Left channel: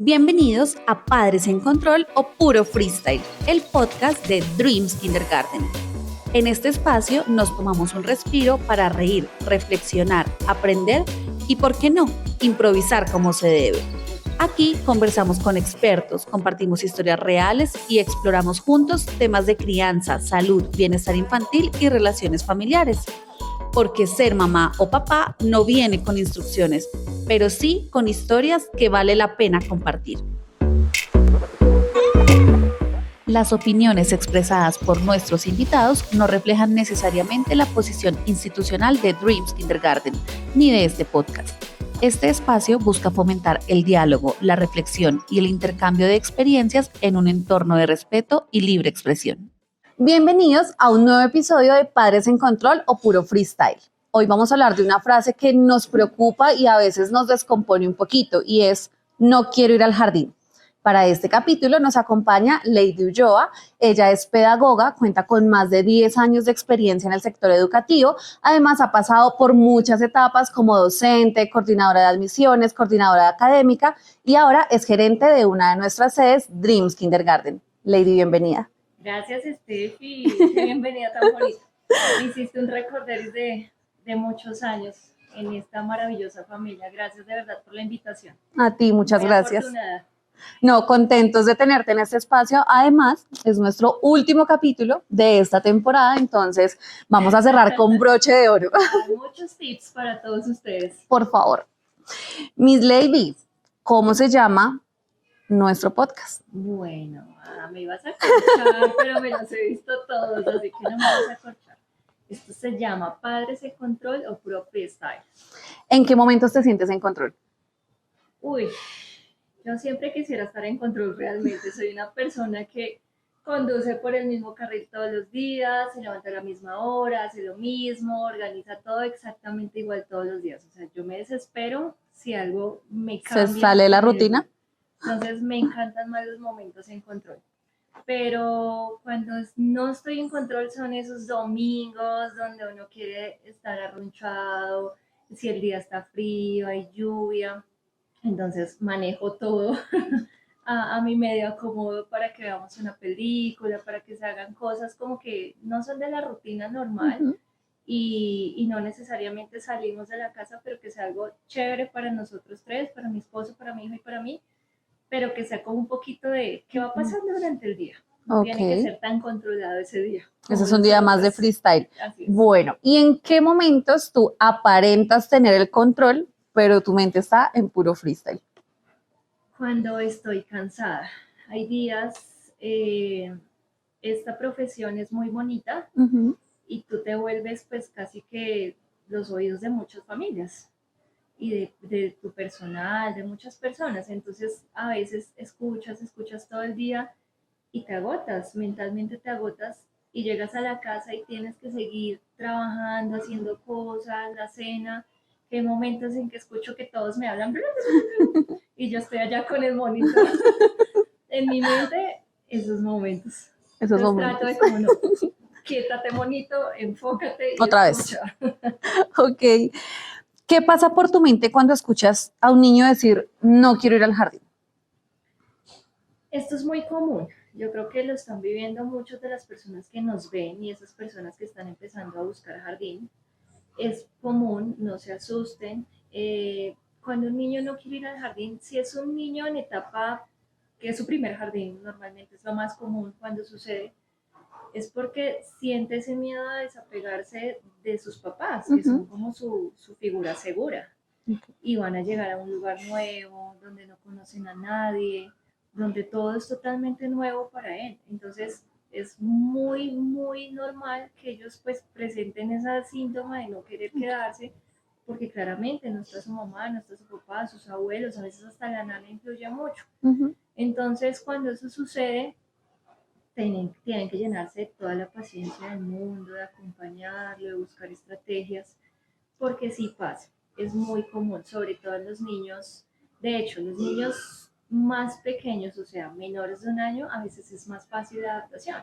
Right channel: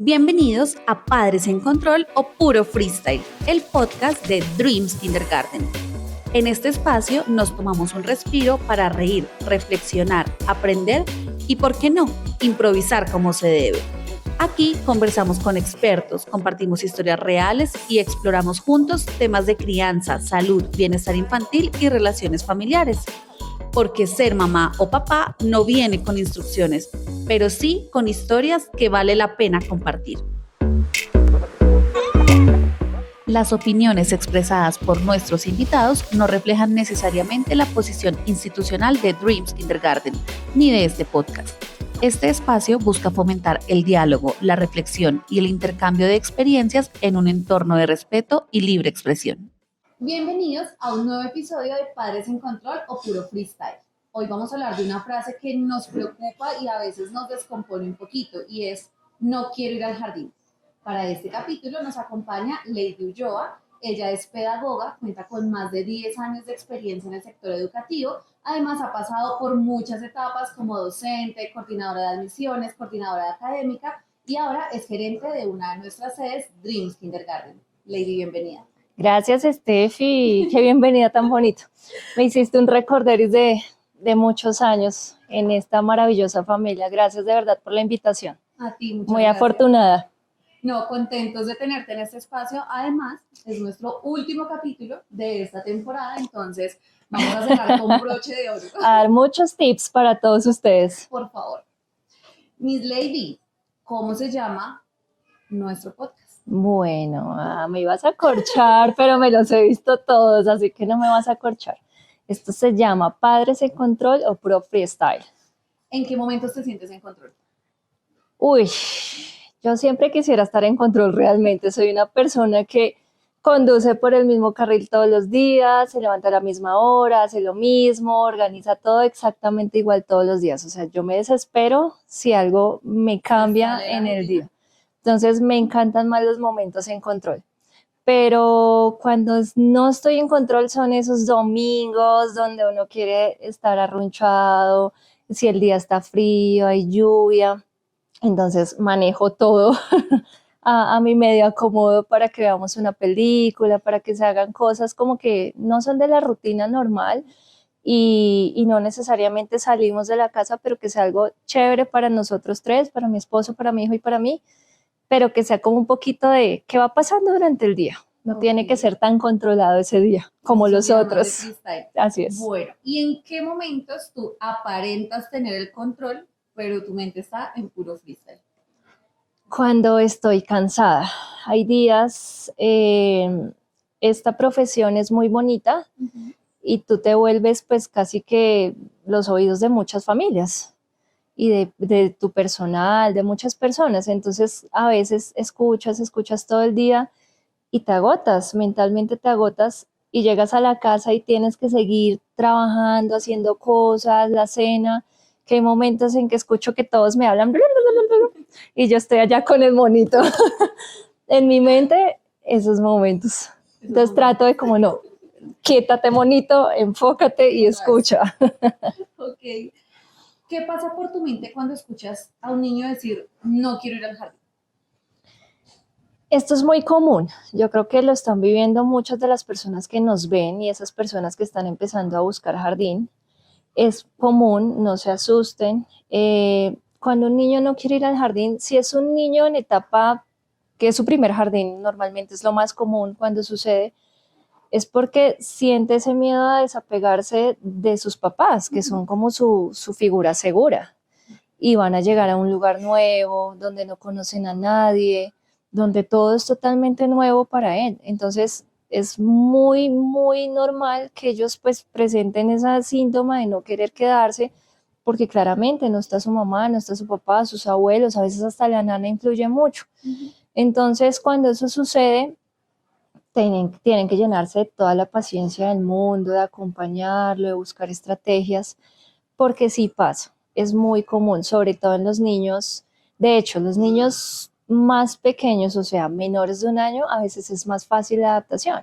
Bienvenidos a Padres en Control o Puro Freestyle, el podcast de Dreams Kindergarten. En este espacio nos tomamos un respiro para reír, reflexionar, aprender y, ¿por qué no?, improvisar como se debe. Aquí conversamos con expertos, compartimos historias reales y exploramos juntos temas de crianza, salud, bienestar infantil y relaciones familiares. Porque ser mamá o papá no viene con instrucciones, pero sí con historias que vale la pena compartir. Las opiniones expresadas por nuestros invitados no reflejan necesariamente la posición institucional de Dreams Kindergarten ni de este podcast. Este espacio busca fomentar el diálogo, la reflexión y el intercambio de experiencias en un entorno de respeto y libre expresión. Bienvenidos a un nuevo episodio de Padres en Control o Puro Freestyle. Hoy vamos a hablar de una frase que nos preocupa y a veces nos descompone un poquito y es "no quiero ir al jardín". Para este capítulo nos acompaña Lady Ulloa. Ella es pedagoga, cuenta con más de 10 años de experiencia en el sector educativo. Además, ha pasado por muchas etapas como docente, coordinadora de admisiones, coordinadora académica y ahora es gerente de una de nuestras sedes, Dreams Kindergarten. Lady, bienvenida. Gracias, Steffi. Qué bienvenida tan bonito. Me hiciste un recorderis de muchos años en esta maravillosa familia. Gracias de verdad por la invitación. A ti, muchas Muy gracias. afortunada. No, contentos de tenerte en este espacio. Además, es nuestro último capítulo de esta temporada, entonces vamos a cerrar con broche de oro. A dar muchos tips para todos ustedes. Por favor. Miss Lady, ¿cómo se llama nuestro podcast? Bueno, me ibas a corchar, pero me los he visto todos, así que no me vas a corchar. Esto se llama Padres en Control o Puro Freestyle. ¿En qué momentos te sientes en control? Uy, yo siempre quisiera estar en control realmente. Soy una persona que conduce por el mismo carril todos los días, se levanta a la misma hora, hace lo mismo, organiza todo exactamente igual todos los días. O sea, yo me desespero si algo me cambia. ¿Se sale la rutina? Entonces me encantan más los momentos en control. Pero cuando no estoy en control son esos domingos donde uno quiere estar arrunchado, si el día está frío, hay lluvia. Entonces manejo todo a mi medio acomodo para que veamos una película, para que se hagan cosas como que no son de la rutina normal y no necesariamente salimos de la casa, pero que sea algo chévere para nosotros tres, para mi esposo, para mi hijo y para mí, pero que sea como un poquito de qué va pasando durante el día. No tiene que ser tan controlado ese día como los los días otros. Más de freestyle. Así es. Bueno, ¿y en qué momentos tú aparentas tener el control, pero tu mente está en puro freestyle? Cuando estoy cansada. Hay días, esta profesión es muy bonita y tú te vuelves pues casi que los oídos de muchas familias y de tu personal, de muchas personas. Entonces a veces escuchas todo el día y te agotas, mentalmente te agotas y llegas a la casa y tienes que seguir trabajando, haciendo cosas, la cena, que hay momentos en que escucho que todos me hablan y yo estoy allá con el monito. En mi mente, esos momentos. Entonces trato de como no, quítate monito, enfócate y Otra escucha. Ok. ¿Qué pasa por tu mente cuando escuchas a un niño decir no quiero ir al jardín? Esto es muy común. Yo creo que lo están viviendo muchas de las personas que nos ven y esas personas que están empezando a buscar jardín. Es común, no se asusten. Cuando un niño no quiere ir al jardín, si es un niño en etapa que es su primer jardín, normalmente es lo más común cuando sucede, es porque siente ese miedo a desapegarse de sus papás, que son como su figura segura. Y van a llegar a un lugar nuevo, donde no conocen a nadie, donde todo es totalmente nuevo para él. Entonces es muy, muy normal que ellos pues presenten ese síntoma de no querer quedarse, porque claramente no está su mamá, no está su papá, sus abuelos, a veces hasta la nana influye mucho. Entonces cuando eso sucede, tienen que llenarse de toda la paciencia del mundo, de acompañarlo, de buscar estrategias, porque sí pasa, es muy común, sobre todo en los niños. De hecho, los niños más pequeños, o sea, menores de un año, a veces es más fácil la adaptación,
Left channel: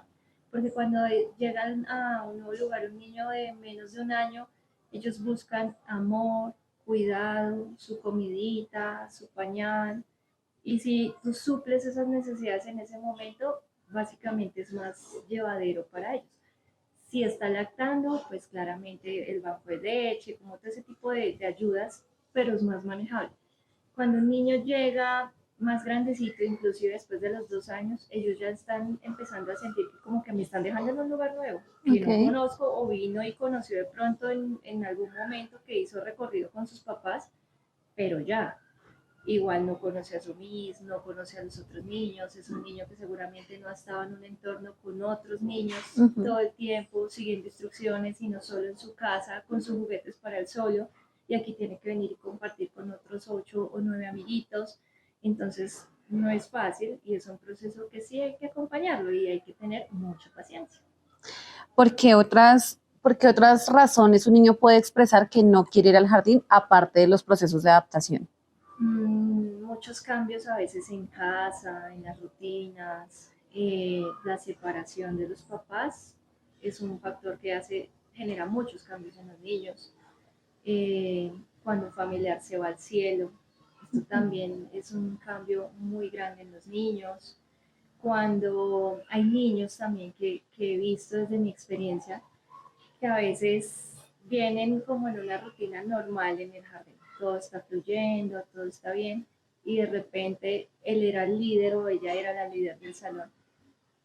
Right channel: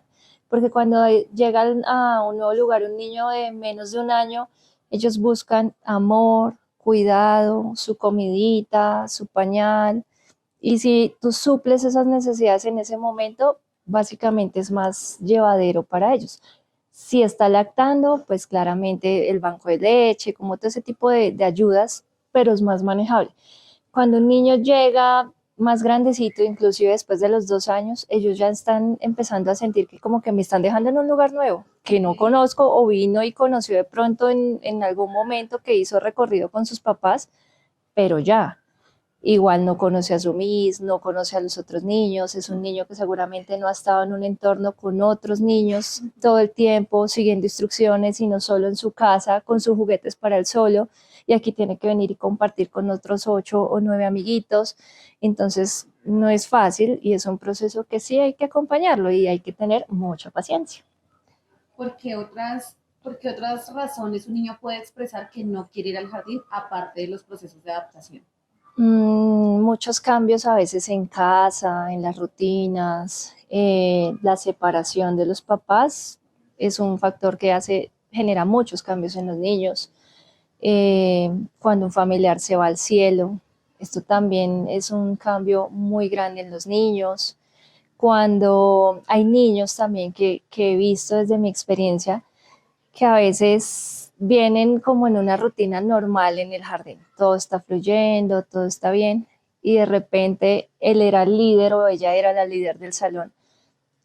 porque cuando llegan a un nuevo lugar un niño de menos de un año, ellos buscan amor, cuidado, su comidita, su pañal, Y si tú suples esas necesidades en ese momento, básicamente es más llevadero para ellos. Si está lactando, pues claramente el banco de leche, como todo ese tipo de ayudas, pero es más manejable. Cuando un niño llega más grandecito, inclusive después de los 2 años, ellos ya están empezando a sentir que como que me están dejando en un lugar nuevo, que no Ok. conozco o vino y conoció de pronto en algún momento que hizo recorrido con sus papás, pero ya, igual no conoce a su Miss, no conoce a los otros niños, es un niño que seguramente no ha estado en un entorno con otros niños Ujú. todo el tiempo siguiendo instrucciones, sino solo en su casa con sus juguetes para él solo, y aquí tiene que venir y compartir con otros 8 o 9 amiguitos, entonces no es fácil y es un proceso que sí hay que acompañarlo y hay que tener mucha paciencia. Por qué otras razones un niño puede expresar que no quiere ir al jardín aparte de los procesos de adaptación? Muchos cambios a veces en casa, en las rutinas, la separación de los papás es un factor que genera muchos cambios en los niños. Cuando un familiar se va al cielo, esto también es un cambio muy grande en los niños. Cuando hay niños también que he visto desde mi experiencia que a veces vienen como en una rutina normal en el jardín. Todo está fluyendo, todo está bien, y de repente él era el líder o ella era la líder del salón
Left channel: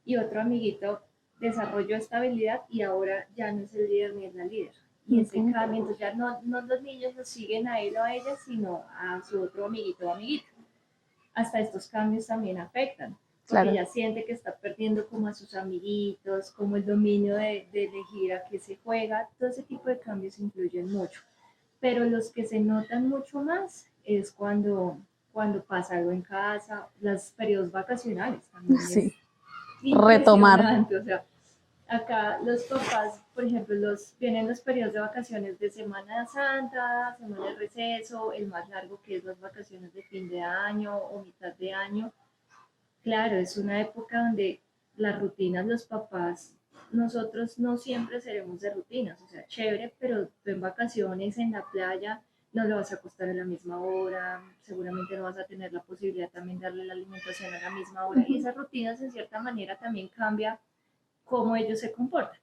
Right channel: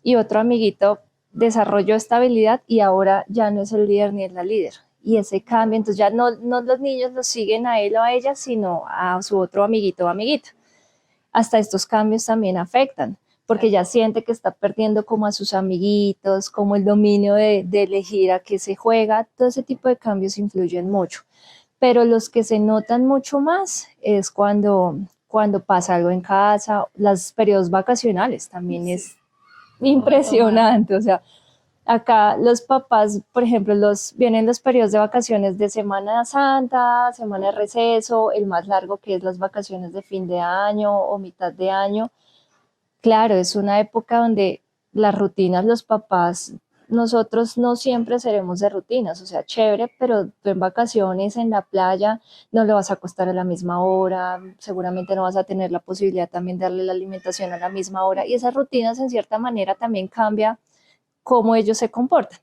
y otro amiguito desarrolló esta habilidad y ahora ya no es el líder ni es la líder. Y ese Ok. cambio, entonces ya no los niños los siguen a él o a ella, sino a su otro amiguito o amiguita. Hasta estos cambios también afectan, porque Claro. ya siente que está perdiendo como a sus amiguitos, como el dominio de elegir a qué se juega, todo ese tipo de cambios influyen mucho. Pero los que se notan mucho más es cuando pasa algo en casa, los periodos vacacionales también Sí. es Retomar. impresionante, o sea, acá los papás, por ejemplo, vienen los periodos de vacaciones de Semana Santa, Semana de Receso, el más largo que es las vacaciones de fin de año o mitad de año. Claro, es una época donde las rutinas, los papás, nosotros no siempre seremos de rutinas, o sea, chévere, pero tú en vacaciones, en la playa, no le vas a acostar a la misma hora, seguramente no vas a tener la posibilidad también de darle la alimentación a la misma hora, y Ujú. esas rutinas en cierta manera también cambia cómo ellos se comportan.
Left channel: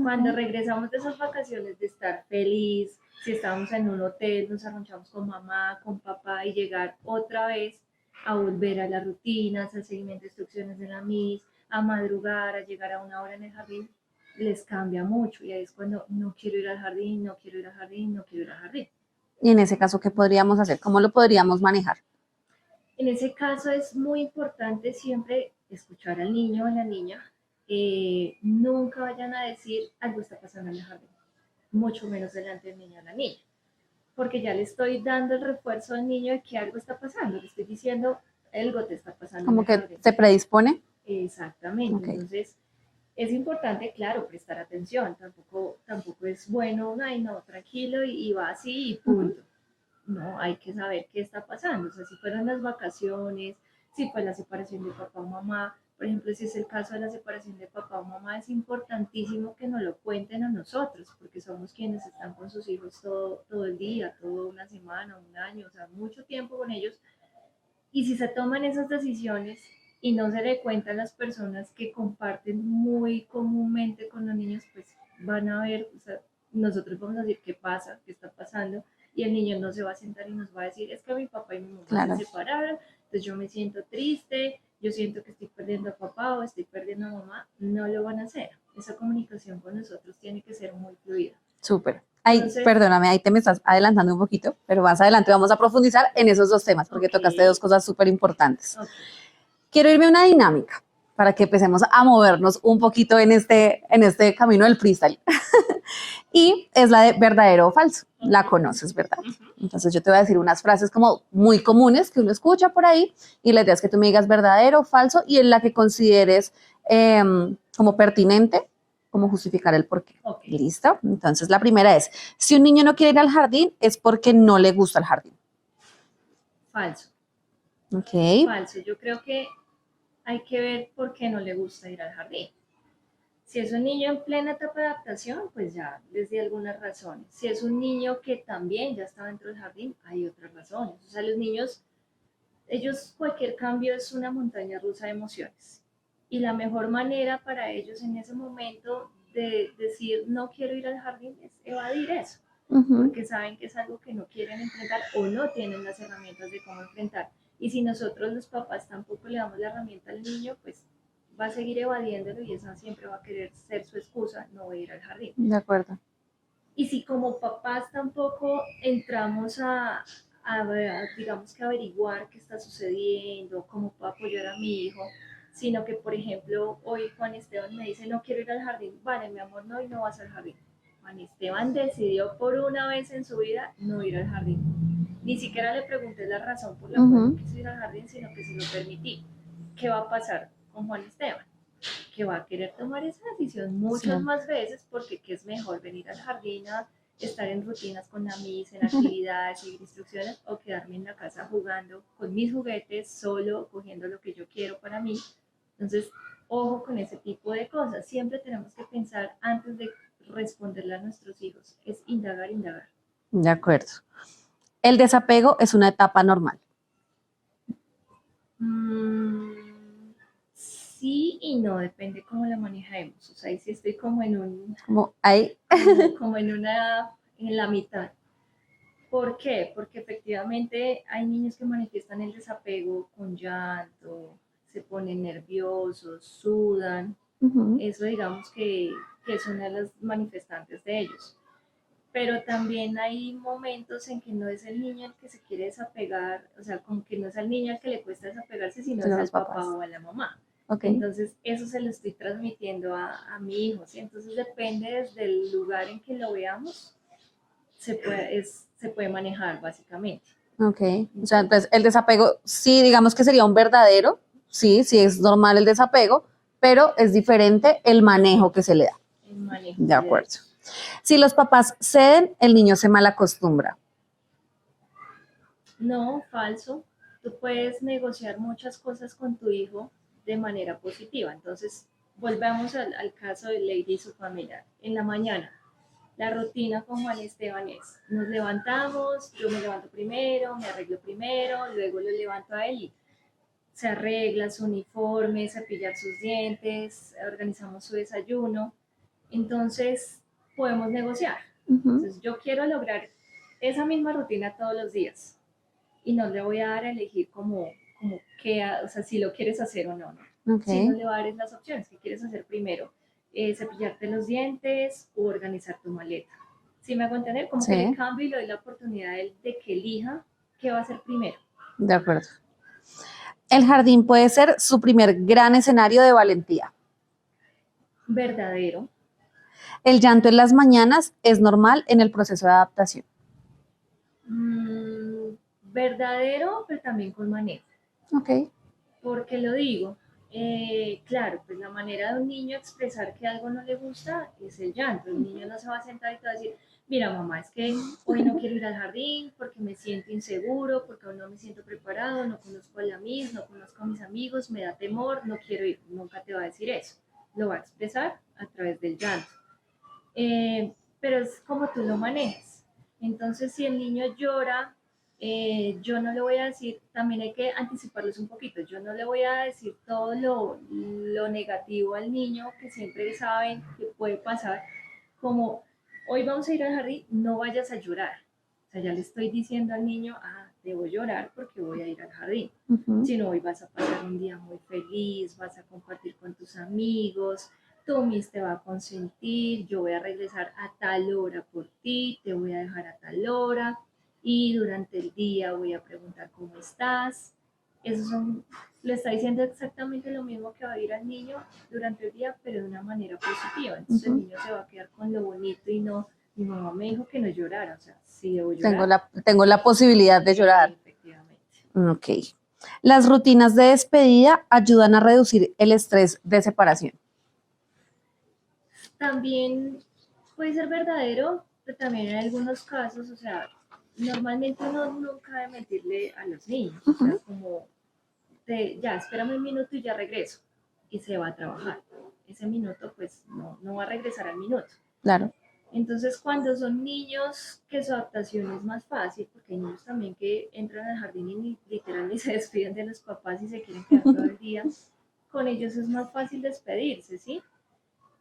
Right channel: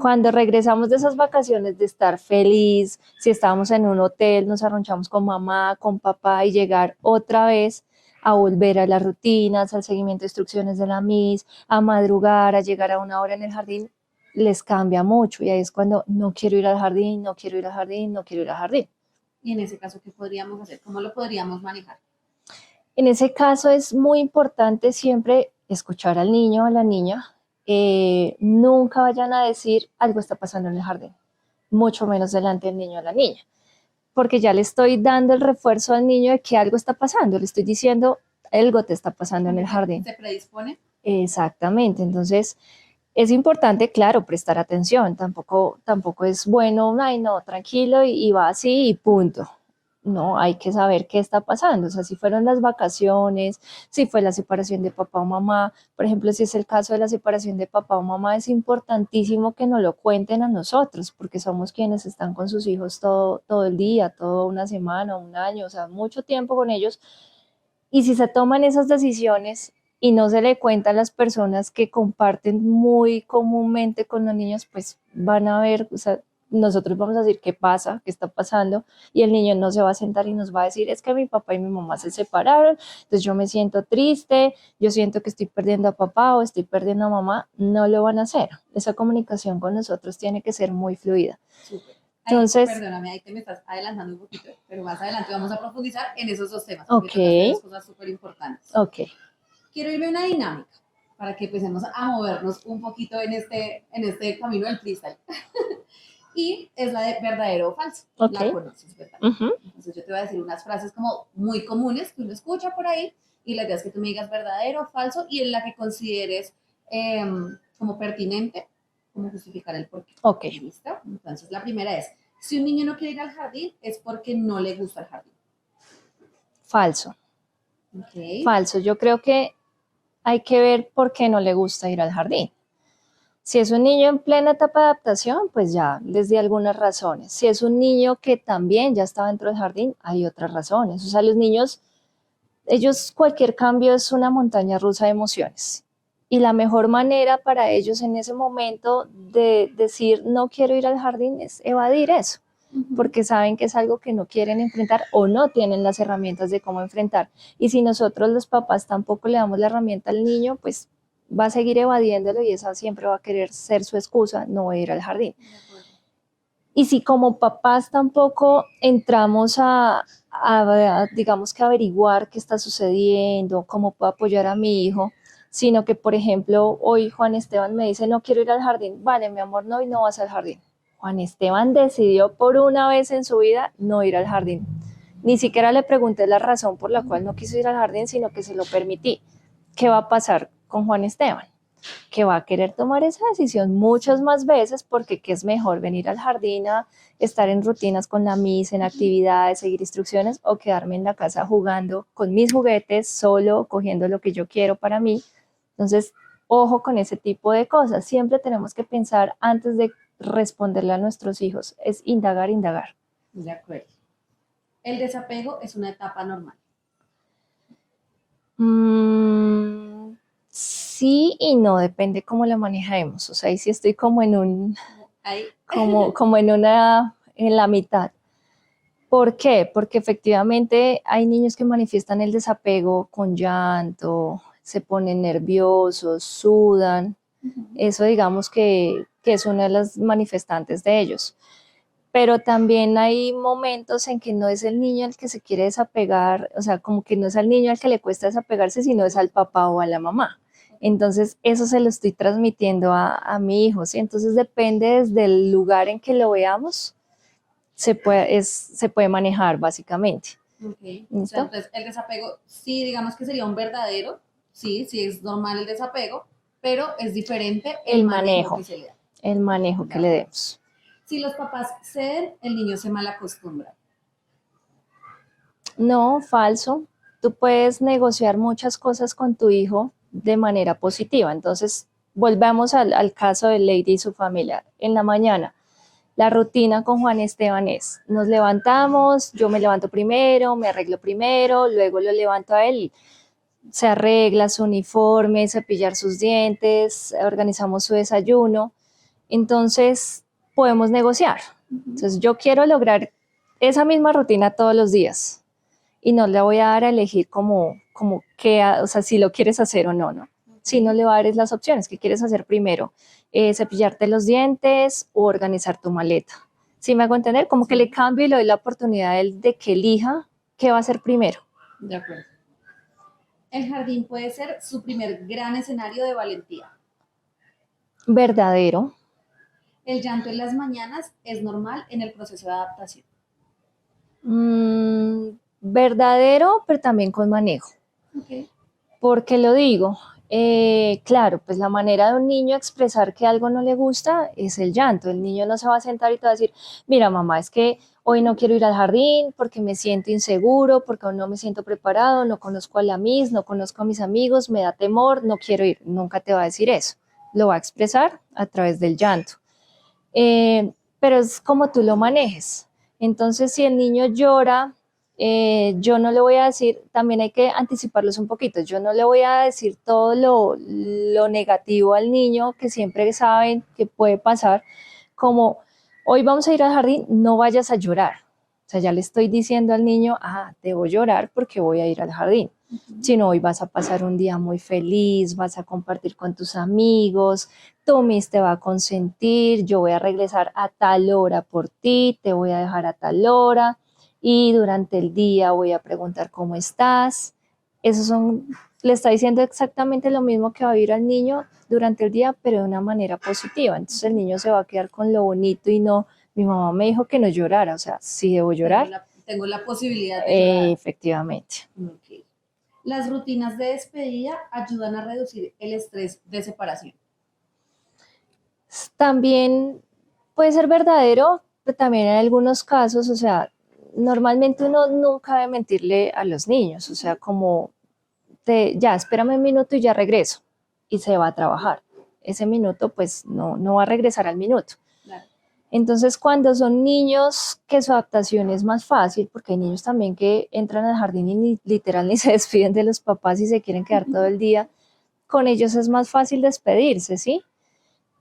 Cuando Ok. regresamos de esas vacaciones de estar feliz, si estábamos en un hotel, nos arronchamos con mamá, con papá y llegar otra vez a volver a las rutinas, al seguimiento de instrucciones de la Miss, a madrugar, a llegar a una hora en el jardín, les cambia mucho y ahí es cuando no quiero ir al jardín, no quiero ir al jardín, no quiero ir al jardín. Y en ese caso, ¿qué podríamos hacer? ¿Cómo lo podríamos manejar? En ese caso es muy importante siempre escuchar al niño o a la niña. Nunca vayan a decir algo está pasando en el jardín, mucho menos delante del niño o la niña, porque ya le estoy dando el refuerzo al niño de que algo está pasando, le estoy diciendo algo te está pasando en ¿Cómo el que jardín. se predispone? Exactamente, Ok. entonces es importante, claro, prestar atención, tampoco es bueno, ay no, tranquilo y va así y Ujú. punto. No, hay que saber qué está pasando, o sea, si fueron las vacaciones, si fue la separación de papá o mamá, por ejemplo, si es el caso de la separación de papá o mamá, es importantísimo que nos lo cuenten a nosotros, porque somos quienes están con sus hijos todo el día, toda una semana, un año, o sea, mucho tiempo con ellos, y si se toman esas decisiones y no se le cuenta a las personas que comparten muy comúnmente con los niños, pues van a ver, o sea, nosotros vamos a decir qué pasa, qué está pasando, y el niño no se va a sentar y nos va a decir, es que mi papá y mi mamá se Claro. separaron, entonces yo me siento triste, yo siento que estoy perdiendo a papá o estoy perdiendo a mamá, no lo van a hacer. Esa comunicación con nosotros tiene que ser muy fluida. Súper. Ay, Entonces, perdóname, ahí te me estás adelantando un poquito, pero más adelante vamos a profundizar en esos dos temas, porque ok, tocaste dos cosas súper importantes. ok, Quiero irme a una dinámica para que empecemos a movernos un poquito en este camino del freestyle. Y es la de verdadero o falso. ok. La conoces, ¿verdad? Uh-huh. Entonces yo te voy a decir unas frases como muy comunes que uno escucha por ahí y la idea es que tú me digas verdadero o falso y en la que consideres como pertinente, como justificar el porqué. Ok, ¿Listo? Entonces la primera es, si un niño no quiere ir al jardín es porque no le gusta el jardín. falso. Ok. Falso. Yo creo que hay que ver por qué no le gusta ir al jardín. Si es un niño en plena etapa de adaptación, pues ya, desde algunas razones. Si es un niño que también ya está dentro del jardín, hay otras razones. O sea, los niños Ellos, cualquier cambio es una montaña rusa de emociones. Y la mejor manera para ellos en ese momento de decir no quiero ir al jardín es evadir eso, porque saben que es algo que no quieren enfrentar o no tienen las herramientas de cómo enfrentar. Y si nosotros los papás tampoco le damos la herramienta al niño, pues va a seguir evadiéndolo y esa siempre va a querer ser su excusa, no ir al jardín. De acuerdo. Y si como papás tampoco entramos digamos que averiguar qué está sucediendo, cómo puedo apoyar a mi hijo, sino que, por ejemplo, hoy Juan Esteban me dice, no quiero ir al jardín. Vale, mi amor, no, y no vas al jardín. Juan Esteban decidió por una vez en su vida no ir al jardín. Ni siquiera le pregunté la razón por la cual no quiso ir al jardín, sino que se lo permití. ¿Qué va a pasar con Juan Esteban? Que va a querer tomar esa decisión muchas más veces, porque ¿qué es mejor? Venir al jardín a estar en rutinas con la misa, en actividades, seguir instrucciones, o quedarme en la casa jugando con mis juguetes, solo cogiendo lo que yo quiero para mí. Entonces, ojo con ese tipo de cosas. Siempre tenemos que pensar antes de responderle a nuestros hijos. Es indagar, indagar. De acuerdo. El desapego es una etapa normal. Sí y no, depende cómo la manejemos. O sea, ahí sí estoy como en un, como en la mitad. ¿Por qué? Porque efectivamente hay niños que manifiestan el desapego con llanto, se ponen nerviosos, sudan. Eso digamos que es una de las manifestantes de ellos. Pero también hay momentos en que no es el niño el que se quiere desapegar, o sea, como que no es al niño al que le cuesta desapegarse, sino es al papá o a la mamá. Okay. Entonces, eso se lo estoy transmitiendo a mi hijo, ¿sí? Entonces, depende desde el lugar en que lo veamos, se puede manejar, básicamente. Ok. O sea, entonces, el desapego, sí, digamos que sería un verdadero, sí es normal el desapego, pero es diferente el manejo que se le da. El manejo que le demos. Si los papás ceden, el niño se malacostumbra. No, falso. Tú puedes negociar muchas cosas con tu hijo de manera positiva. Entonces, volvamos al caso de Lady y su familia. En la mañana, la rutina con Juan Esteban es, nos levantamos, yo me levanto primero, me arreglo primero, luego lo levanto a él, se arregla su uniforme, cepillar sus dientes, organizamos su desayuno. Entonces, podemos negociar. Entonces, yo quiero lograr esa misma rutina todos los días y no le voy a dar a elegir como que, o sea, si lo quieres hacer o no, ¿no? Okay. Si no le voy a dar las opciones, ¿qué quieres hacer primero? Cepillarte los dientes o organizar tu maleta. ¿Sí me hago entender? Como que le cambio y le doy la oportunidad de que elija qué va a hacer primero. De acuerdo. El jardín puede ser su primer gran escenario de valentía. Verdadero. El llanto en las mañanas es normal en el proceso de adaptación. Verdadero, pero también con manejo. Ok. ¿Por qué lo digo? Claro, pues la manera de un niño expresar que algo no le gusta es el llanto. El niño no se va a sentar y te va a decir, mira mamá, es que hoy no quiero ir al jardín porque me siento inseguro, porque aún no me siento preparado, no conozco a la Miss, no conozco a mis amigos, me da temor, no quiero ir. Nunca te va a decir eso. Lo va a expresar a través del llanto. Pero es como tú lo manejes. Entonces, si el niño llora, yo no le voy a decir, también hay que anticiparlos un poquito, yo no le voy a decir todo lo negativo al niño, que siempre saben que puede pasar, como hoy vamos a ir al jardín, no vayas a llorar. O sea, ya le estoy diciendo al niño, debo llorar porque voy a ir al jardín. Sino hoy vas a pasar un día muy feliz, vas a compartir con tus amigos, tu Miss te va a consentir, yo voy a regresar a tal hora por ti, te voy a dejar a tal hora y durante el día voy a preguntar cómo estás. Le está diciendo exactamente lo mismo que va a vivir al niño durante el día, pero de una manera positiva. Entonces el niño se va a quedar con lo bonito y no, mi mamá me dijo que no llorara, o sea, sí debo llorar. Tengo la posibilidad de llorar. Efectivamente. Ok. Las rutinas de despedida ayudan a reducir el estrés de separación. También puede ser verdadero, pero también en algunos casos, o sea, normalmente uno nunca debe mentirle a los niños, o sea, como, ya, espérame un minuto y ya regreso, y se va a trabajar. Ese minuto, pues, no va a regresar al minuto. Claro. Entonces, cuando son niños que su adaptación es más fácil, porque hay niños también que entran al jardín y literal ni se despiden de los papás y se quieren quedar todo el día, con ellos es más fácil despedirse, ¿sí?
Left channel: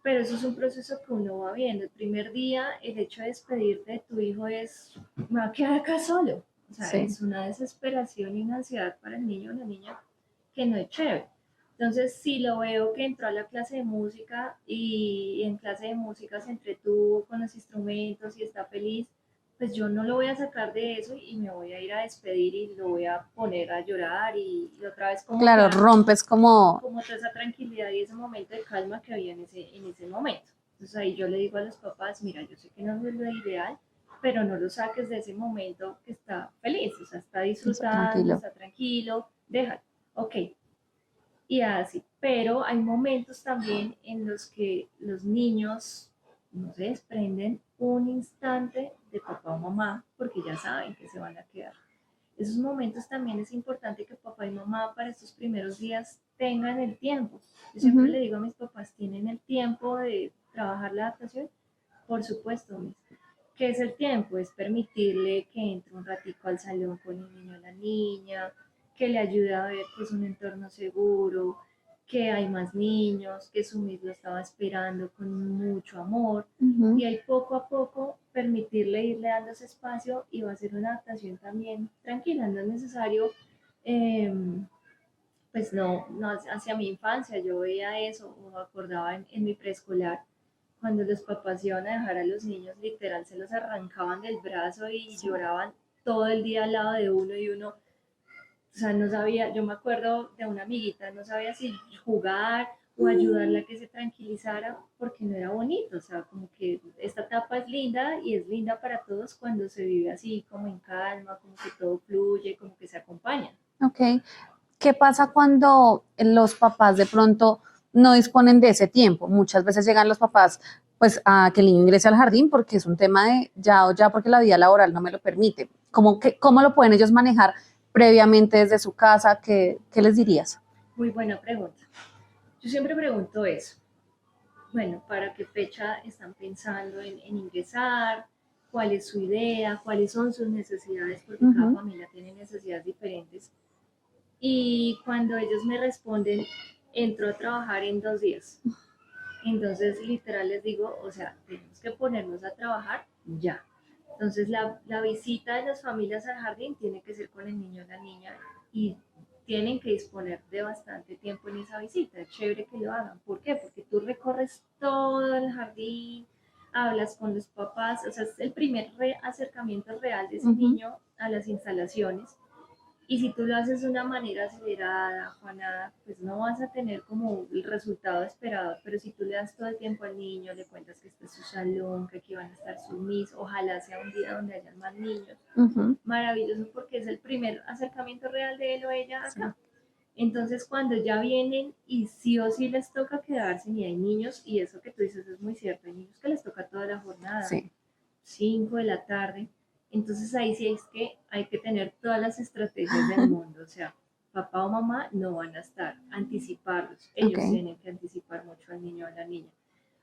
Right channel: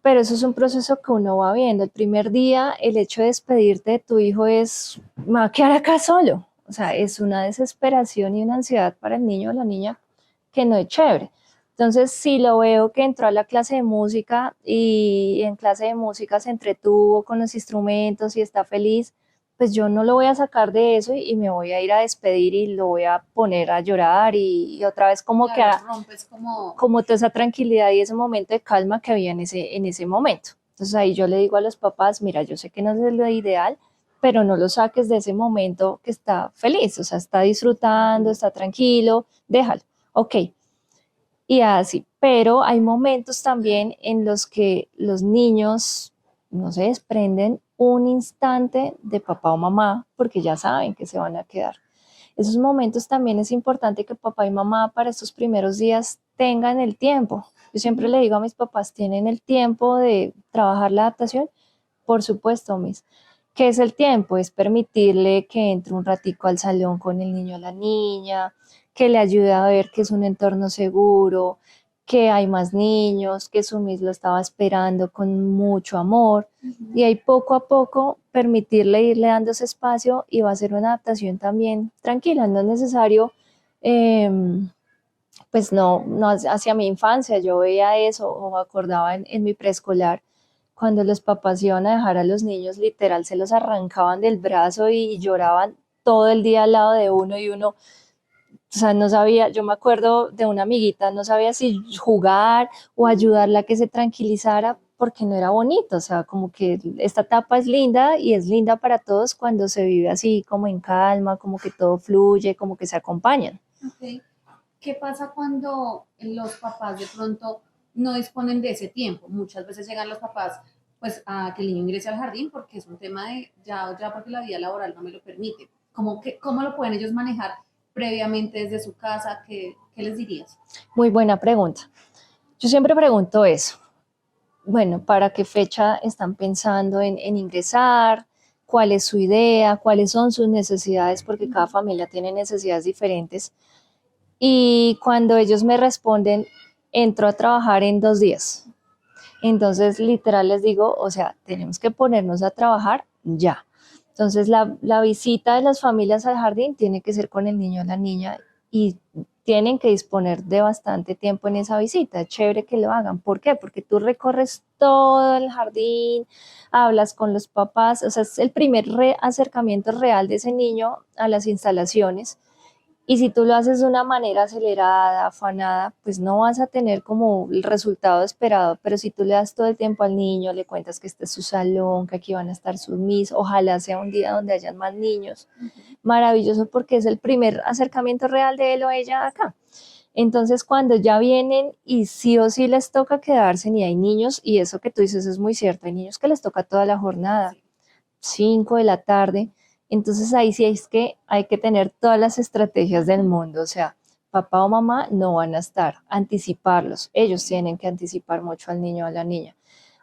Pero eso es un proceso que uno va viendo. El primer día, el hecho de despedirte de tu hijo es, me va a quedar acá solo. O sea, Sí. es una desesperación y una ansiedad para el niño o la niña que no es chévere. Entonces, si lo veo que entró a la clase de música y en clase de música se entretuvo con los instrumentos y está feliz, pues yo no lo voy a sacar de eso y me voy a ir a despedir y lo voy a poner a llorar y otra vez como Claro, que rompes como, como toda esa tranquilidad y ese momento de calma que había en ese momento. Entonces ahí yo le digo a los papás, mira, yo sé que no es lo ideal, pero no lo saques de ese momento que está feliz, o sea, está disfrutando, tranquilo. está tranquilo, déjalo, ok. Y así, pero hay momentos también en los que los niños no se desprenden un instante de papá o mamá porque ya saben que se van a quedar. Esos momentos también es importante que papá y mamá para estos primeros días tengan el tiempo. Yo siempre le digo a mis papás, ¿tienen el tiempo de trabajar la adaptación? Por supuesto, mis. ¿Qué es el tiempo? Es permitirle que entre un ratico al salón con el niño o la niña, que le ayude a ver que es un entorno seguro, que hay más niños, que su mis lo estaba esperando con mucho amor. Y ahí poco a poco permitirle irle dando ese espacio y va a ser una adaptación también tranquila. No es necesario, pues no hacia mi infancia, yo veía eso o me acordaba en mi preescolar, cuando los papás iban a dejar a los niños, literal, se los arrancaban del brazo y lloraban todo el día al lado de uno y uno, o sea, no sabía, yo me acuerdo de una amiguita, no sabía si jugar o ayudarla a que se tranquilizara porque no era bonito, o sea, como que esta etapa es linda y es linda para todos cuando se vive así como en calma, como que todo fluye, como que se acompañan. Ok. ¿Qué pasa cuando los papás de pronto no disponen de ese tiempo? Muchas veces llegan los papás pues a que el niño ingrese al jardín porque es un tema de ya o ya porque la vida laboral no me lo permite. ¿Cómo lo pueden ellos manejar previamente desde su casa? ¿Qué les dirías? Muy buena pregunta. Yo siempre pregunto eso. Bueno, ¿para qué fecha están pensando en ingresar? ¿Cuál es su idea? ¿Cuáles son sus necesidades? Porque cada familia tiene necesidades diferentes. Y cuando ellos me responden, entro a trabajar en 2 días. Entonces, literal les digo, o sea, tenemos que ponernos a trabajar ya. Entonces, la visita de las familias al jardín tiene que ser con el niño o la niña y tienen que disponer de bastante tiempo en esa visita. Es chévere que lo hagan. ¿Por qué? Porque tú recorres todo el jardín, hablas con los papás, o sea, es el primer acercamiento real de ese niño a las instalaciones. Y si tú lo haces de una manera acelerada, afanada, pues no vas a tener como el resultado esperado, pero si tú le das todo el tiempo al niño, le cuentas que este es su salón, que aquí van a estar sus mis, ojalá sea un día donde hayan más niños, maravilloso porque es el primer acercamiento real de él o ella acá. Entonces, cuando ya vienen y sí o sí les toca quedarse, y hay niños, y eso que tú dices es muy cierto, hay niños que les toca toda la jornada, Sí. 5 de la tarde, entonces ahí sí es que hay que tener todas las estrategias del mundo, o sea, papá o mamá no van a estar, anticiparlos, ellos Ok. tienen que anticipar mucho al niño o a la niña.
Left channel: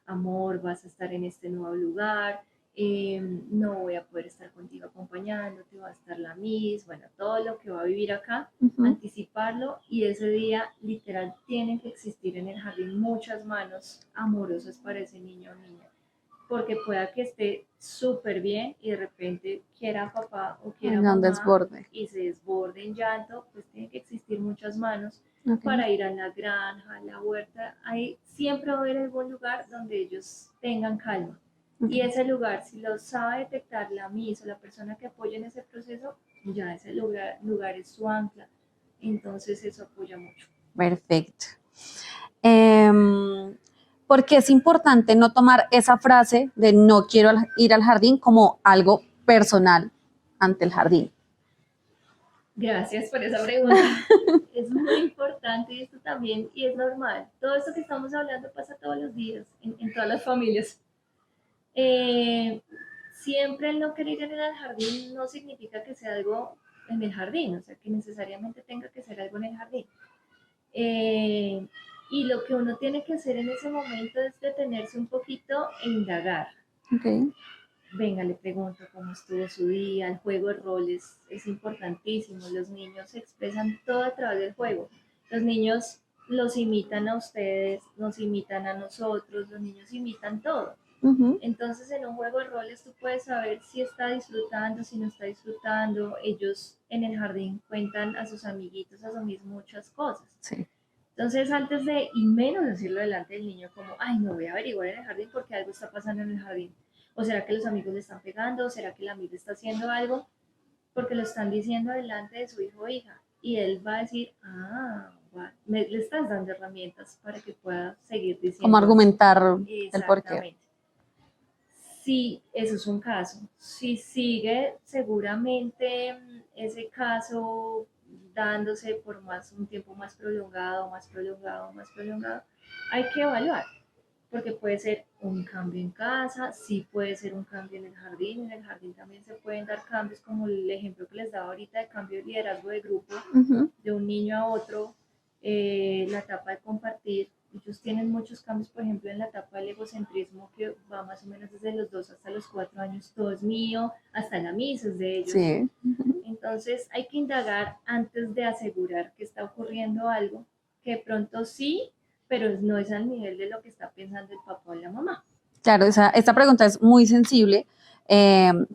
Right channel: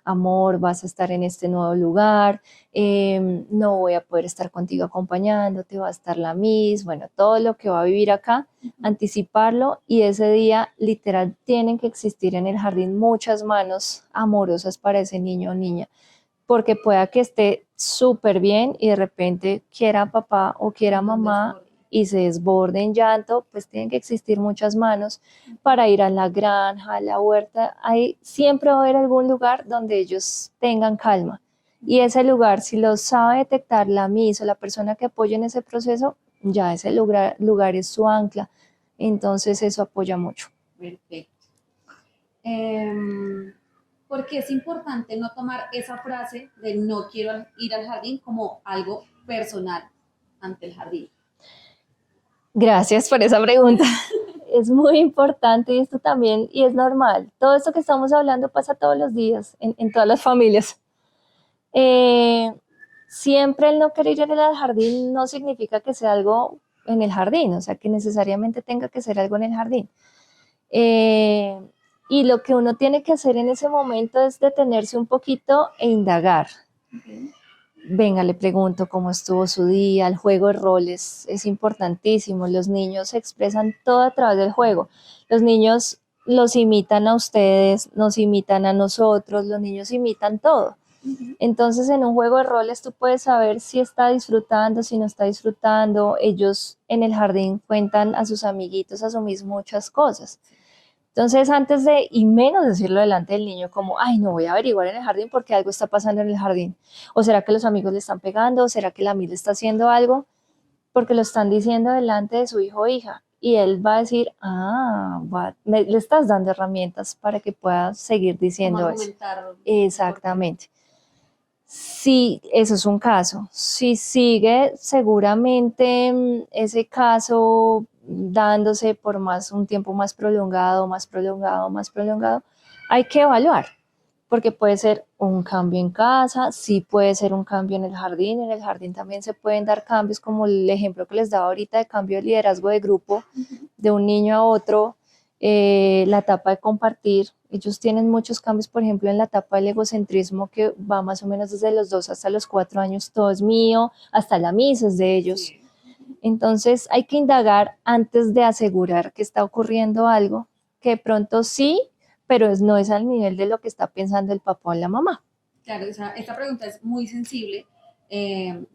Amor, vas a estar en este nuevo lugar, no voy a poder estar contigo acompañándote, va a estar la Miss, bueno, todo lo que va a vivir acá, anticiparlo y ese día literal tienen que existir en el jardín muchas manos amorosas para ese niño o niña porque pueda que esté súper bien y de repente quiera papá o quiera Tenga un mamá desborde. y se desborde en llanto, pues tienen que existir muchas manos Ok. para ir a la granja, a la huerta. Ahí siempre va a haber algún lugar donde ellos tengan calma. Y ese lugar, si lo sabe detectar la MIS o la persona que apoya en ese proceso, ya ese lugar es su ancla. Entonces eso apoya mucho. Perfecto. Porque es importante no tomar esa frase de no quiero ir al jardín como algo personal ante el jardín. Gracias por esa pregunta. Es muy importante y esto también, y es normal. Todo esto que estamos hablando pasa todos los días en todas las familias. Eh, Siempre el no querer ir al jardín no significa que sea algo en el jardín, o sea, que necesariamente tenga que ser algo en el jardín. Eh, y lo que uno tiene que hacer en ese momento es detenerse un poquito e indagar. Okay. venga, le pregunto cómo estuvo su día. El juego de roles es importantísimo. Los niños expresan todo a través del juego. Los niños los imitan a ustedes, nos imitan a nosotros, los niños imitan todo. Entonces, en un juego de roles tú puedes saber si está disfrutando, si no está disfrutando. Ellos en el jardín cuentan a sus amiguitos, asumís muchas cosas. Sí. Entonces, antes de, y menos decirlo delante del niño, como, ay, no voy a averiguar en el jardín porque algo está pasando en el jardín. O será que los amigos le están pegando, o será que la amiga está haciendo algo, porque lo están diciendo delante de su hijo o hija. Y él va a decir, le estás dando herramientas para que pueda seguir Como diciendo eso. argumentar el porqué. Exactamente. Sí, eso es un caso. Si sigue seguramente ese caso dándose por un tiempo más prolongado, hay que evaluar, porque puede ser un cambio en casa, sí puede ser un cambio en el jardín también se pueden dar cambios, como el ejemplo que les daba ahorita de cambio de liderazgo de grupo, de un niño a otro, la etapa de compartir. Ellos tienen muchos cambios, por ejemplo, en la etapa del egocentrismo, que va más o menos desde los 2 hasta los 4 años, todo es mío, hasta la misa es de ellos. Sí. Entonces hay que indagar antes de asegurar que está ocurriendo algo, que de pronto sí, pero no es al nivel de lo que está pensando el papá o la mamá. Claro, esta pregunta es muy sensible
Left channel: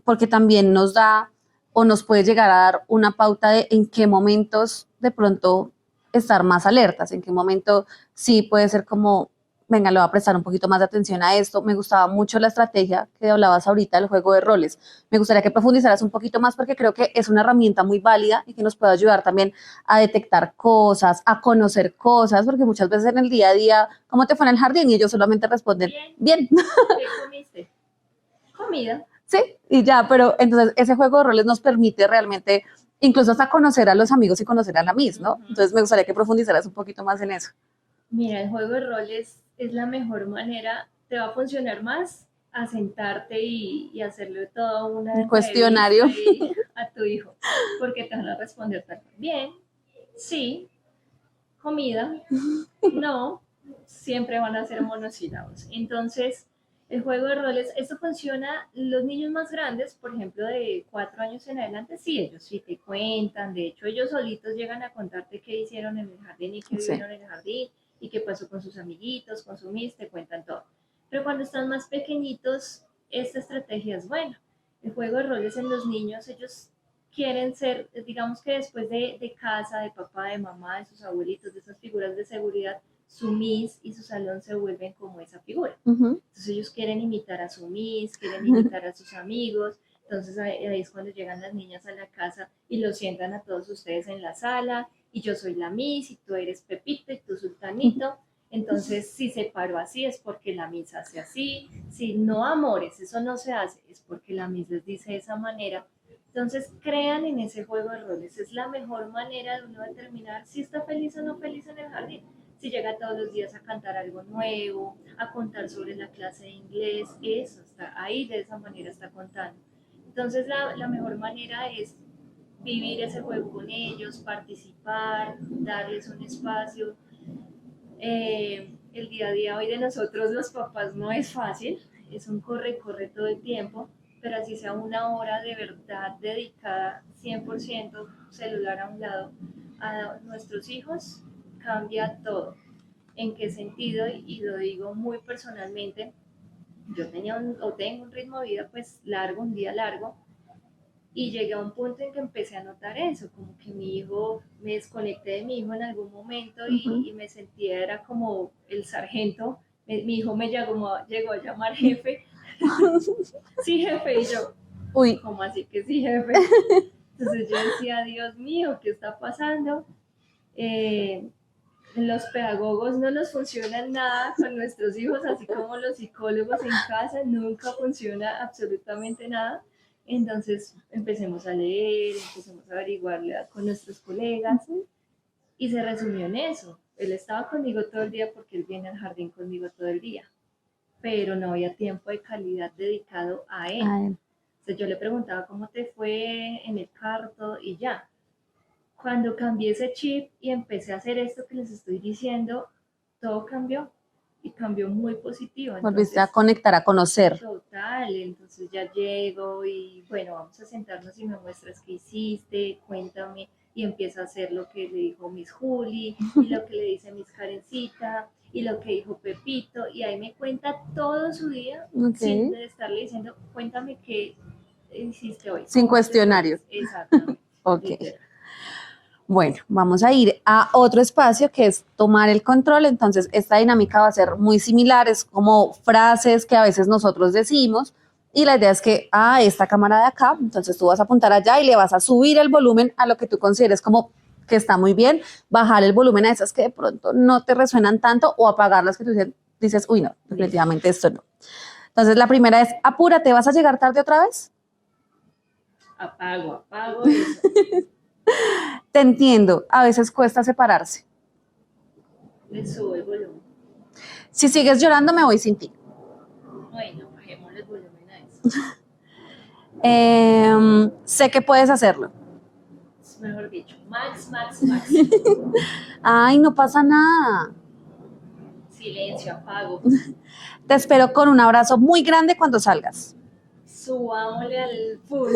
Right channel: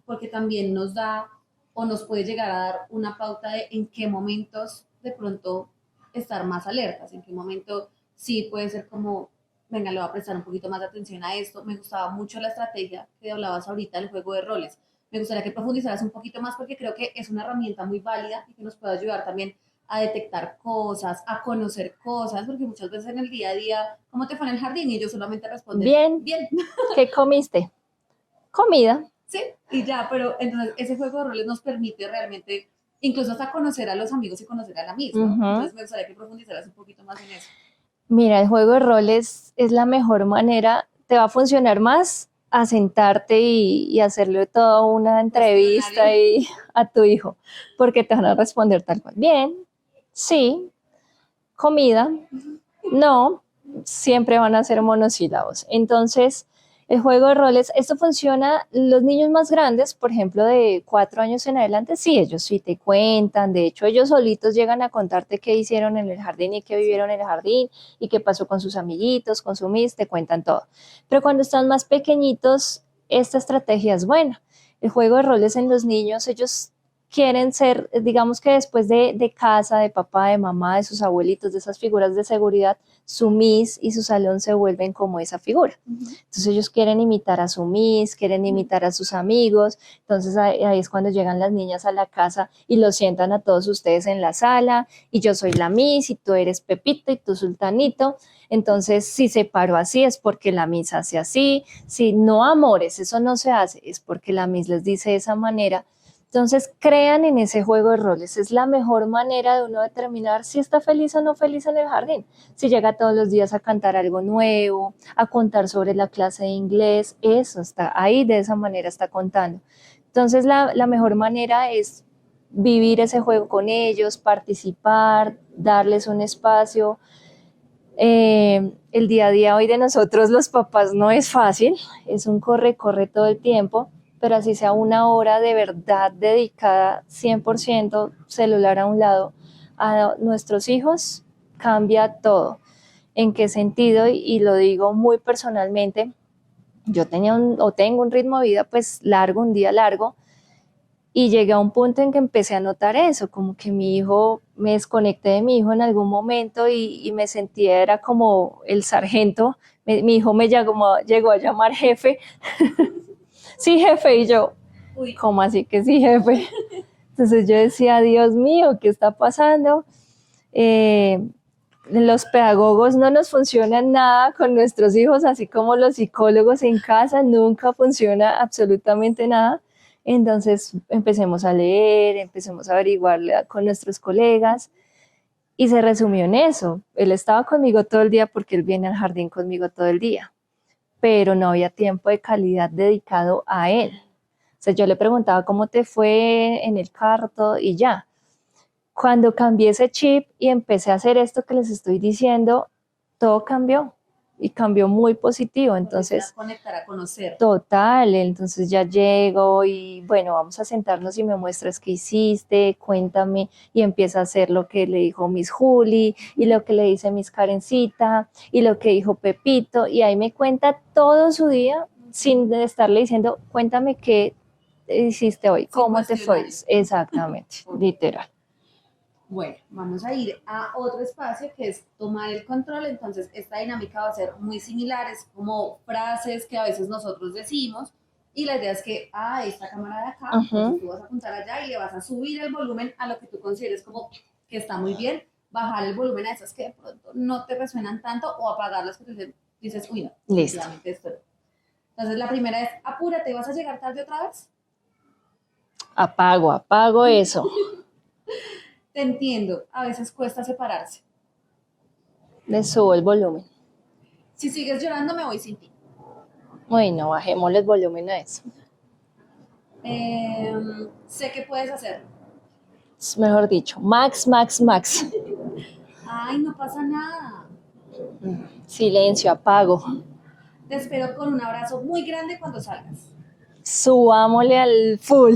porque también nos da o nos puede llegar a dar una pauta de en qué momentos de pronto estar más alertas, en qué momento sí puede ser como, venga, le voy a prestar un poquito más de atención a esto. Me gustaba mucho la estrategia que hablabas ahorita del juego de roles. Me gustaría que profundizaras un poquito más porque creo que es una herramienta muy válida y que nos puede ayudar también a detectar cosas, a conocer cosas, porque muchas veces en el día a día, ¿cómo te fue en el jardín? Y ellos solamente responden, Bien. bien. ¿Qué comiste? Comida. Sí, y ya, pero entonces ese juego de roles nos permite realmente incluso hasta conocer a los amigos y conocer a la Miss, ¿no? Entonces me gustaría que profundizaras un poquito más en eso. Mira, el juego de roles es la mejor manera, te va a funcionar más a sentarte y hacerle toda una Cuestionario. entrevista a tu hijo, porque te van a responder tal cual. Bien, sí, comida, no, siempre van a ser monosílabos. Entonces, el juego de roles, esto funciona, los niños más grandes, por ejemplo, de 4 años en adelante, sí, ellos sí te cuentan, de hecho, ellos solitos llegan a contarte qué hicieron en el jardín y qué vivieron en el jardín y qué pasó con sus amiguitos, con su miss, te cuentan todo. Pero cuando están más pequeñitos, esta estrategia es buena. El juego de roles en los niños, ellos quieren ser, digamos que después de casa, de papá, de mamá, de sus abuelitos, de esas figuras de seguridad, su miss y su salón se vuelven como esa figura. Entonces ellos quieren imitar a su miss, quieren imitar a sus amigos, entonces ahí es cuando llegan las niñas a la casa y los sientan a todos ustedes en la sala, y yo soy la miss y tú eres Pepito y tú Sultanito. Entonces, si se paró así es porque la miss hace así, si no, amores, eso no se hace, es porque la miss les dice de esa manera. Entonces, crean en ese juego de roles. Es la mejor manera de uno determinar si está feliz o no feliz en el jardín. Si llega todos los días a cantar algo nuevo, a contar sobre la clase de inglés, eso está ahí, de esa manera está contando. Entonces, la mejor manera es vivir ese juego con ellos, participar, darles un espacio. El día a día hoy de nosotros los papás no es fácil, es un corre todo el tiempo, pero así sea una hora de verdad dedicada 100% celular a un lado a nuestros hijos, cambia todo. ¿En qué sentido? Y lo digo muy personalmente, yo tengo un ritmo de vida pues largo, un día largo, y llegué a un punto en que empecé a notar eso, como que mi hijo, me desconecté de mi hijo en algún momento y me sentía, era como el sargento, mi hijo me llegó a llamar jefe. Sí, jefe, y yo, uy, ¿cómo así que sí, jefe? Entonces yo decía, Dios mío, ¿qué está pasando? Los pedagogos no nos funcionan nada con nuestros hijos, así como los psicólogos en casa, nunca funciona absolutamente nada. Entonces empecemos a leer, empecemos a averiguar con nuestros colegas, y se resumió en eso. Él estaba conmigo todo el día porque él viene al jardín conmigo todo el día, pero no había tiempo de calidad dedicado a él. O sea, yo le preguntaba cómo te fue en el carro, todo, y ya. Cuando cambié ese chip y empecé a hacer esto que les estoy diciendo, todo cambió. y cambió muy positivo. Volviste a Entonces, conectar, a conocer. total, entonces ya llego y bueno, vamos a sentarnos y me muestras qué hiciste, cuéntame, y empieza a hacer lo que le dijo Miss Juli y lo que le dice Miss Karencita y lo que dijo Pepito, y ahí me cuenta todo su día sin estarle diciendo, cuéntame qué hiciste hoy, Sin cómo te fue. cuestionario. Exactamente, Ok. literal. Bueno, vamos a ir a otro espacio que es tomar el control. Entonces, esta dinámica va a ser muy similar, es como frases que a veces nosotros decimos y la idea es que, esta cámara de acá, entonces tú vas a apuntar allá y le vas a subir el volumen a lo que tú consideres como que está muy bien, bajar el volumen a esas que de pronto no te resuenan tanto o apagar las que tú dices, uy, no, definitivamente esto no. Entonces, la primera es, apúrate, ¿vas a llegar tarde otra vez? Apago eso. Te entiendo, a veces cuesta separarse. Le subo el volumen. Si sigues llorando, me voy sin ti. Bueno, bajémosle el volumen a eso. Sé que puedes hacerlo. Es mejor dicho, max. Ay, no pasa nada. Silencio, apago. Te espero con un abrazo muy grande cuando salgas. Subámosle al full.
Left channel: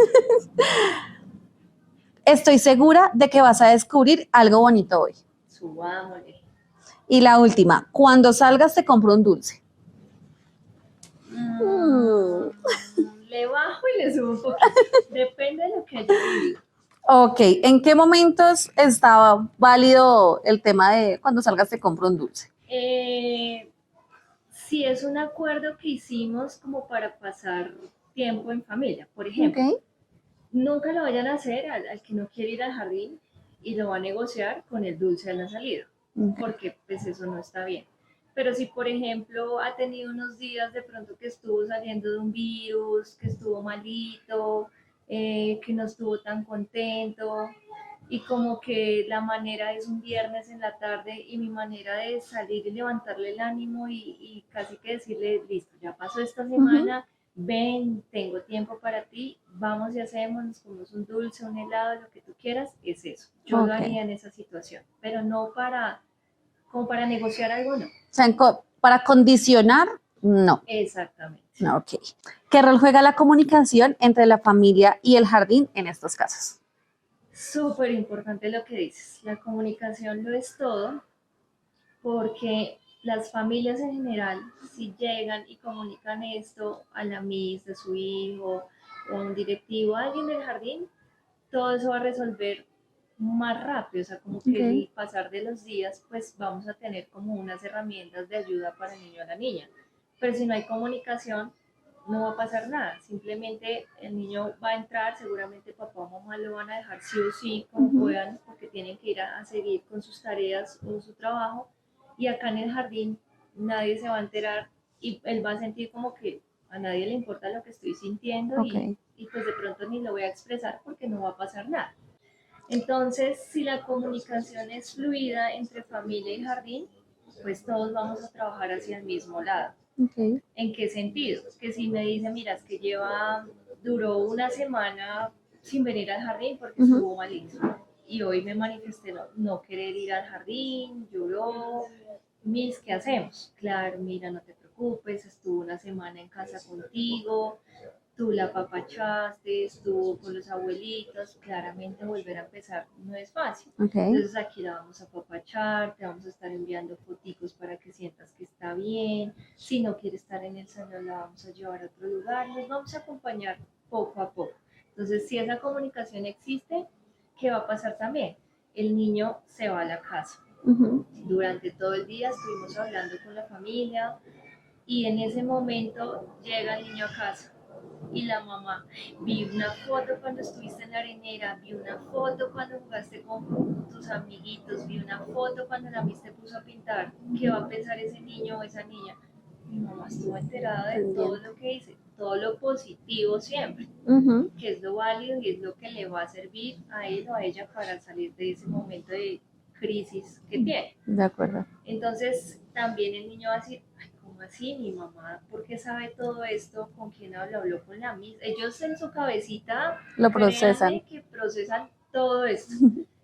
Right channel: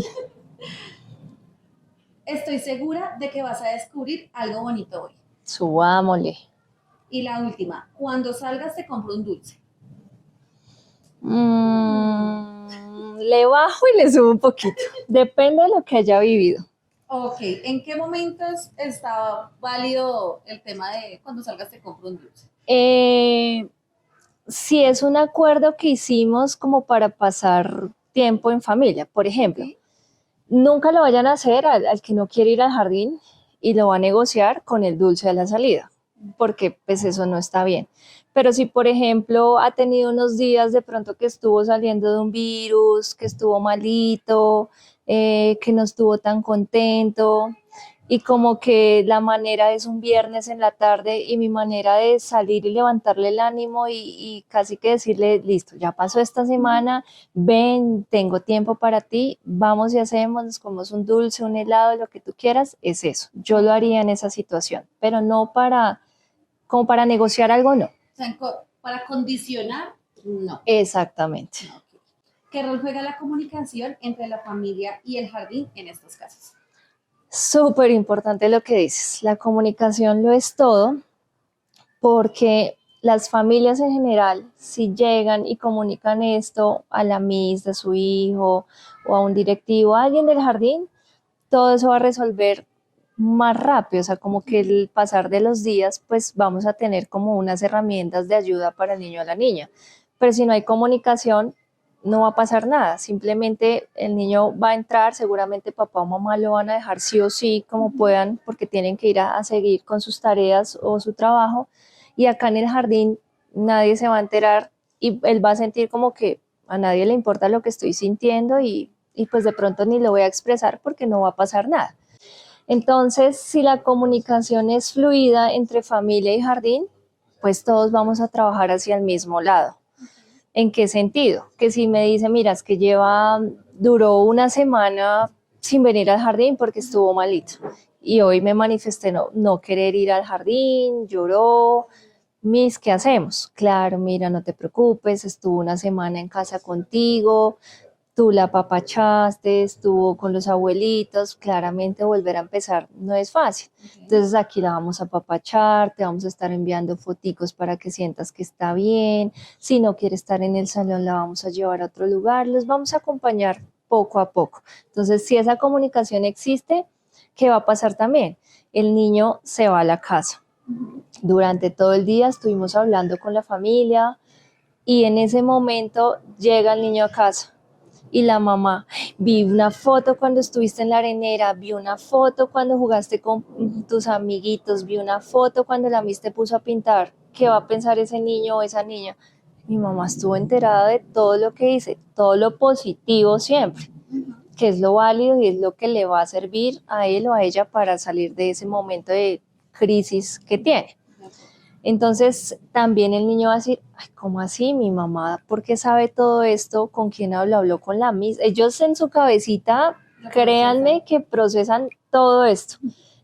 Estoy segura de que vas a descubrir algo bonito hoy. Subámosle. Y la última, cuando salgas te compro un dulce. Le bajo y le subo un poquito. Depende de lo que haya vivido. Ok, ¿en qué momentos estaba válido el tema de cuando salgas te compro un dulce? Si es un acuerdo que hicimos como para pasar tiempo en familia, por ejemplo, Ok. nunca lo vayan a hacer al que no quiere ir al jardín y lo va a negociar con el dulce a la salida, porque pues eso no está bien. Pero si, por ejemplo, ha tenido unos días de pronto que estuvo saliendo de un virus, que estuvo malito, que no estuvo tan contento, y como que la manera es un viernes en la tarde y mi manera de salir y levantarle el ánimo y casi que decirle, listo, ya pasó esta semana, ven, tengo tiempo para ti, vamos y hacemos, nos comemos un dulce, un helado, lo que tú quieras, es eso. Yo lo haría en esa situación, pero no como para negociar algo, no. O sea, para condicionar, no. Exactamente. No, ok. ¿Qué rol juega la comunicación entre la familia y el jardín en estos casos? Súper importante lo que dices. La comunicación lo es todo porque las familias en general, si llegan y comunican esto a la miss de su hijo o a un directivo, a alguien del jardín, todo eso va a resolver más rápido, o sea, como que el pasar de los días, pues vamos a tener como unas herramientas de ayuda para el niño o la niña. Pero si no hay comunicación, no va a pasar nada, simplemente el niño va a entrar, seguramente papá o mamá lo van a dejar sí o sí como puedan, porque tienen que ir a seguir con sus tareas o su trabajo, y acá en el jardín nadie se va a enterar y él va a sentir como que a nadie le importa lo que estoy sintiendo y pues de pronto ni lo voy a expresar porque no va a pasar nada. Entonces, si la comunicación es fluida entre familia y jardín, pues todos vamos a trabajar hacia el mismo lado. ¿En qué sentido? Que si me dice, mira, es que duró una semana sin venir al jardín porque estuvo malito y hoy me manifesté no querer ir al jardín, lloró, Miss, ¿qué hacemos? Claro, mira, no te preocupes, estuvo una semana en casa contigo, tú la apapachaste, estuvo con los abuelitos, claramente volver a empezar no es fácil. Entonces aquí la vamos a apapachar, te vamos a estar enviando foticos para que sientas que está bien, si no quiere estar en el salón la vamos a llevar a otro lugar, los vamos a acompañar poco a poco. Entonces, si esa comunicación existe, ¿qué va a pasar también? El niño se va a la casa. Durante todo el día estuvimos hablando con la familia y en ese momento llega el niño a casa y la mamá, vi una foto cuando estuviste en la arenera, vi una foto cuando jugaste con tus amiguitos, vi una foto cuando la Miss te puso a pintar. ¿Qué va a pensar ese niño o esa niña? Mi mamá estuvo enterada de todo lo que hice, todo lo positivo siempre, que es lo válido y es lo que le va a servir a él o a ella para salir de ese momento de crisis que tiene. De acuerdo. Entonces también el niño va a decir, ay, ¿cómo así? Mi mamá, ¿por qué sabe todo esto? ¿Con quién habló? Habló con la Miss. Ellos en su cabecita, créanme que procesan todo esto.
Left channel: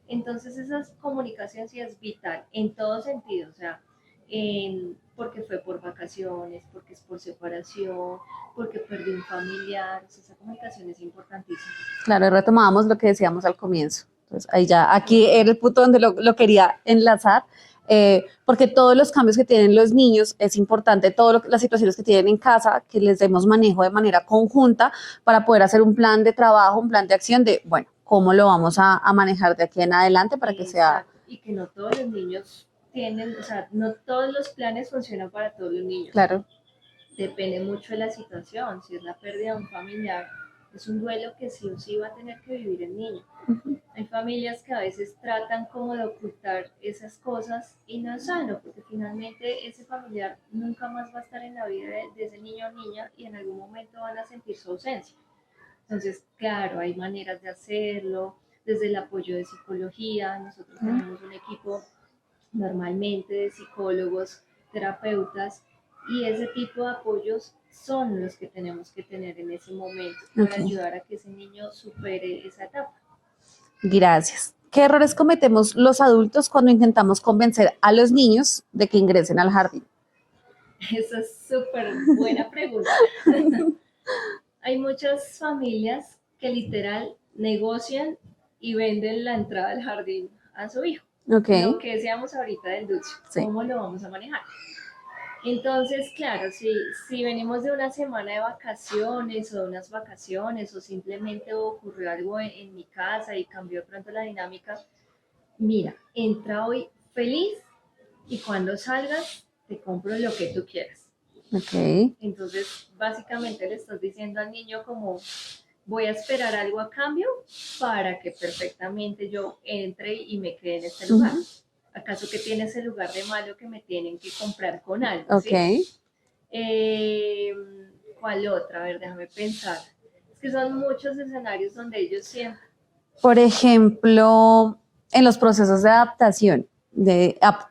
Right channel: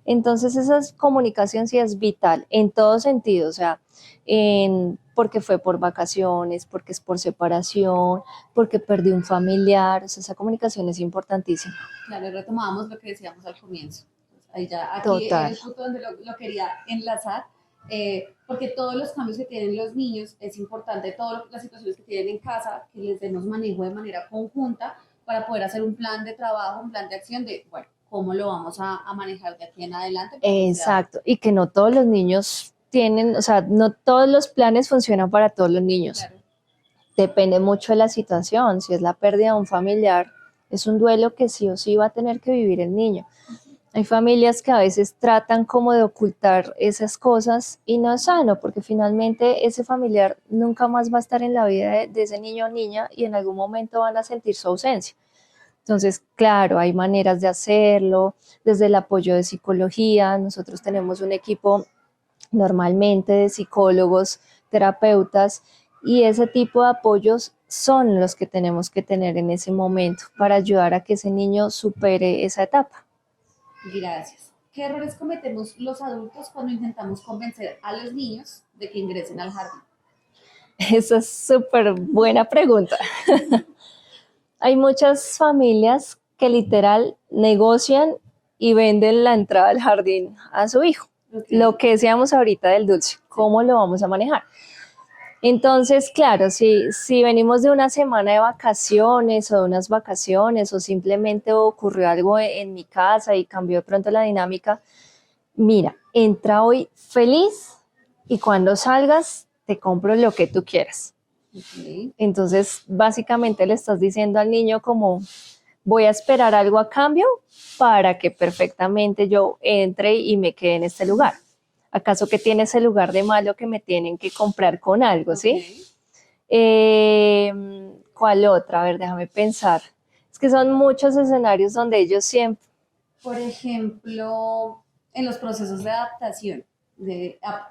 Entonces esa comunicación sí es vital en todo sentido, o sea, porque fue por vacaciones, porque es por separación, porque perdí un familiar, o sea, esa comunicación es importantísima. Claro, y retomábamos lo que decíamos al comienzo. Entonces, ahí ya, aquí era Total. el punto donde lo quería enlazar, porque todos los cambios que tienen los niños es importante, todas las situaciones que tienen en casa, que les demos manejo de manera conjunta para poder hacer un plan de trabajo, un plan de acción de, bueno, cómo lo vamos a manejar de aquí en adelante para que sea... Exacto, y que no todos los niños tienen, o sea, no todos los planes funcionan para todos los niños. Claro. Depende mucho de la situación, si es la pérdida de un familiar, es un duelo que sí o sí va a tener que vivir el niño. Hay familias que a veces tratan como de ocultar esas cosas y no es sano, porque finalmente ese familiar nunca más va a estar en la vida de ese niño o niña y en algún momento van a sentir su ausencia. Entonces, claro, hay maneras de hacerlo, desde el apoyo de psicología. Nosotros tenemos un equipo normalmente de psicólogos, terapeutas, y ese tipo de apoyos son los que tenemos que tener en ese momento para ayudar a que ese niño supere esa etapa. Gracias. ¿Qué errores cometemos los adultos cuando intentamos convencer a los niños de que ingresen al jardín? Esa es súper buena pregunta. Hay muchas familias que literal negocian y venden la entrada al jardín a su hijo. Okay. Lo que decíamos ahorita del dulce, Sí. ¿cómo lo vamos a manejar? Entonces, claro, si venimos de una semana de vacaciones o de unas vacaciones o simplemente ocurrió algo en mi casa y cambió de pronto la dinámica, mira, entra hoy feliz y cuando salgas te compro lo que tú quieras. Okay. Entonces, básicamente le estás diciendo al niño como, voy a esperar algo a cambio para que perfectamente yo entre y me quede en este lugar. ¿Acaso que tiene ese lugar de malo que me tienen que comprar con algo, Okay. ¿sí? ¿Cuál otra? A ver, déjame pensar. Es que son muchos escenarios donde ellos siempre... Por ejemplo, en los procesos de adaptación,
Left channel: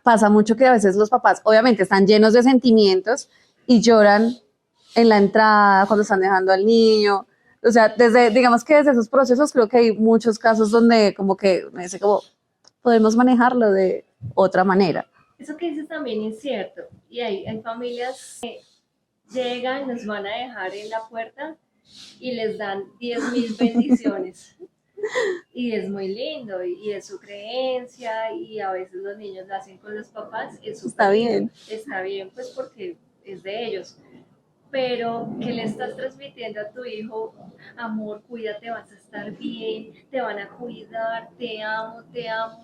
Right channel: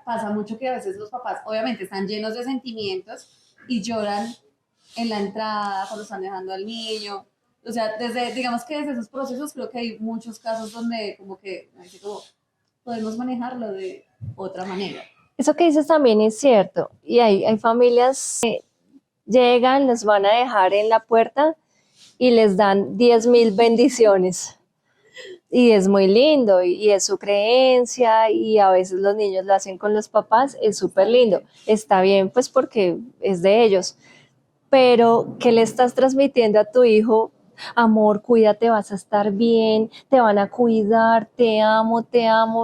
pasa mucho que a veces los papás obviamente están llenos de sentimientos y lloran en la entrada cuando están dejando al niño. O sea, digamos que desde esos procesos creo que hay muchos casos donde como que me dice como podemos manejarlo de otra manera. Eso que dices también es cierto. Y hay familias que llegan, los van a dejar en la puerta y les dan 10,000 bendiciones. Y es muy lindo y es su creencia y a veces los niños lo hacen con los papás, es súper lindo. Bien. Está bien pues porque es de ellos. Pero ¿qué le estás transmitiendo a tu hijo? Amor, cuídate, vas a estar bien, te van a cuidar, te amo,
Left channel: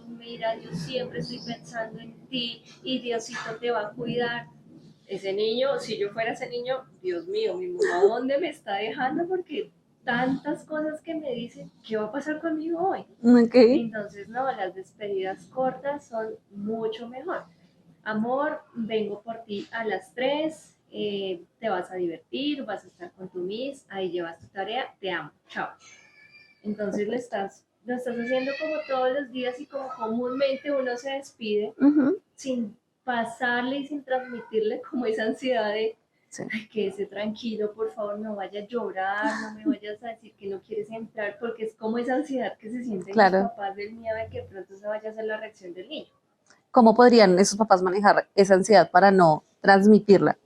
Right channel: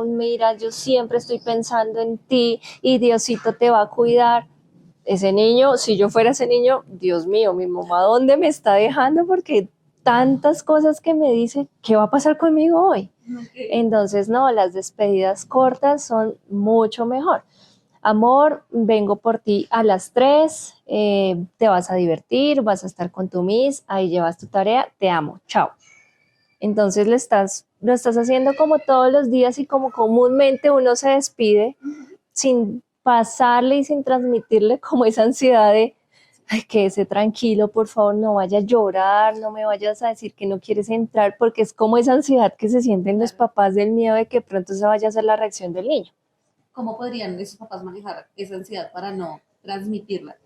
mira, yo siempre estoy pensando en ti y Diosito te va a cuidar. Ese niño, si yo fuera ese niño, Dios mío, mi mamá, ¿dónde me está dejando? Porque tantas cosas que me dice, ¿qué va a pasar conmigo hoy? Okay. Entonces, no, las despedidas cortas son mucho mejor. Amor, vengo por ti a las 3, te vas a divertir, vas a estar con tu Miss, ahí llevas tu tarea, te amo, chao. Entonces lo estás haciendo como todos los días y como comúnmente uno se despide sin pasarle y sin transmitirle como esa ansiedad de ay, quédese tranquilo, por favor, no vaya a llorar, no me vayas a decir que no quieres entrar, porque es como esa ansiedad que se sienten los papás del miedo de que pronto se vaya a hacer la reacción del niño. ¿Cómo podrían esos papás manejar esa ansiedad para no transmitirla?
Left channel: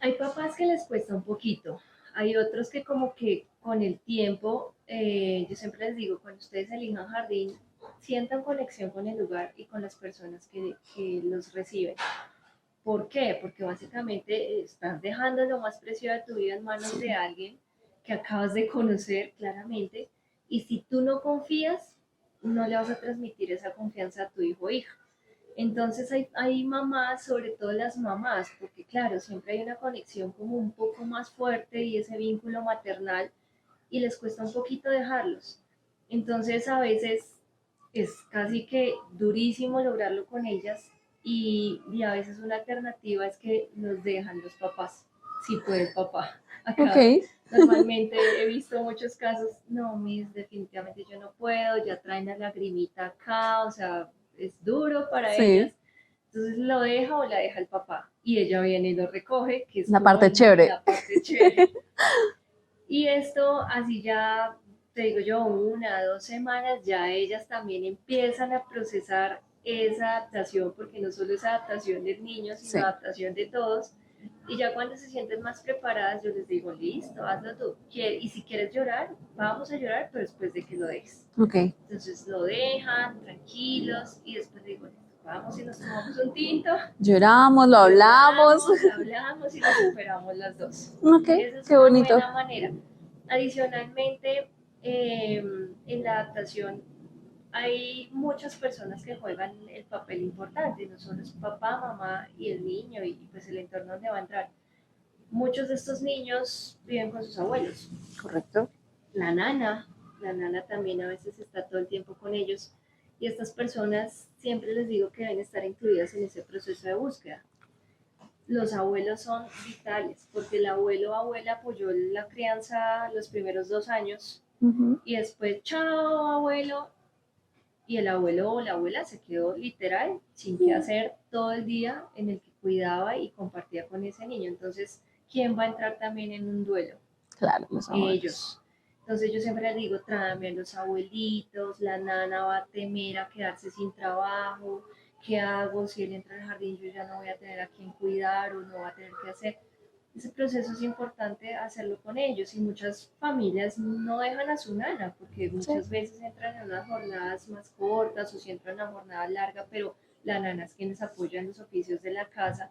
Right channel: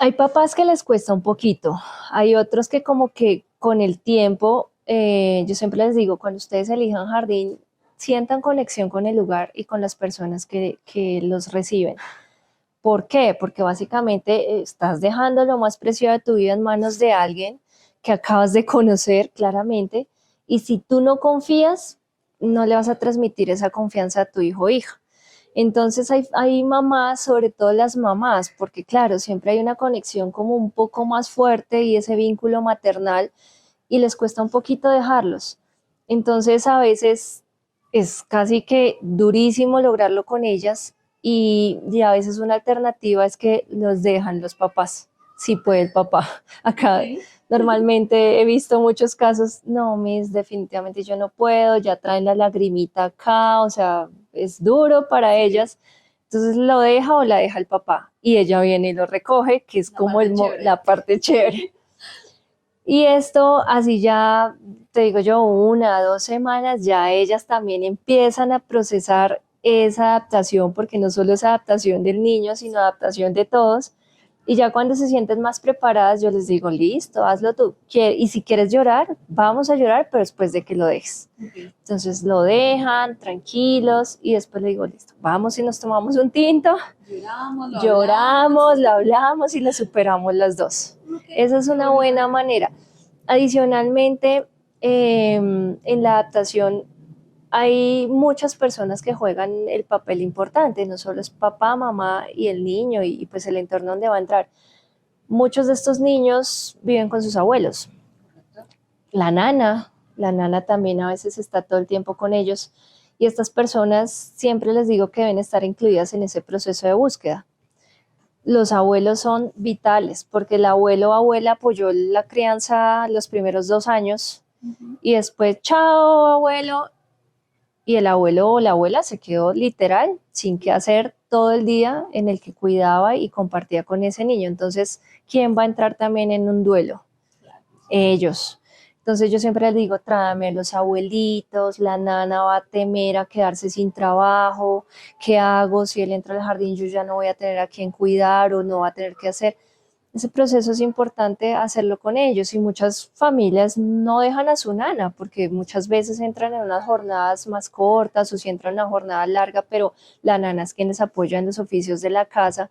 Hay papás que les cuesta un poquito, hay otros que como que con el tiempo, yo siempre les digo, cuando ustedes elijan jardín, sientan conexión con el lugar y con las personas que los reciben. ¿Por qué? Porque básicamente estás dejando lo más preciado de tu vida en manos de alguien que acabas de conocer claramente y si tú no confías, no le vas a transmitir esa confianza a tu hijo o hija. Entonces hay mamás, sobre todo las mamás, porque claro, siempre hay una conexión como un poco más fuerte y ese vínculo maternal y les cuesta un poquito dejarlos. Entonces a veces es casi que durísimo lograrlo con ellas y a veces una alternativa es que los dejan los papás, si puede el papá. Acá normalmente he visto muchos casos, no, Miss, definitivamente yo no puedo, ya traen la lagrimita acá, o sea, es duro para ellas. Entonces lo deja o la deja el papá y ella viene y lo recoge, que es la como parte chévere. La parte chévere. Y esto así ya te digo yo, 1 o 2 semanas, ya ellas también empiezan a procesar esa adaptación, porque no solo es adaptación del niño, sino Sí. adaptación de todos. Y ya cuando se sienten más preparadas, yo les digo, listo, hazlo tú. Y si quieres llorar, vamos a llorar, pero después de que lo dejes. Ok. Entonces lo dejan tranquilos y después le digo, listo, vamos y nos tomamos un tinto, Lloramos, lo lloramos, lo hablamos y lo superamos las dos. Ok, Esa es qué una bonito. buena manera. Adicionalmente, en la adaptación hay muchas personas que juegan el papel importante, no solo es papá, mamá y el niño y pues el entorno donde va a entrar. Muchos de estos niños viven con sus abuelos, Correcto. la nana también a veces está todo el tiempo con ellos y estas personas siempre les digo que deben estar incluidas en ese proceso de búsqueda. Los abuelos son vitales porque el abuelo o abuela apoyó la crianza los primeros 2 años y después, chao abuelo, y el abuelo o la abuela se quedó literal sin qué hacer todo el día en el que cuidaba y compartía con ese niño. Entonces, ¿quién va a entrar también en un duelo? Claro, los abuelos. Ellos. Entonces yo siempre les digo, tráeme a los abuelitos, la nana va a temer a quedarse sin trabajo, ¿qué hago? Si él entra al jardín, yo ya no voy a tener a quién cuidar o no va a tener que hacer. Ese proceso es importante hacerlo con ellos y muchas familias no dejan a su nana porque muchas veces entran en unas jornadas más cortas o si entran en una jornada larga, pero la nana es quien les apoya en los oficios de la casa.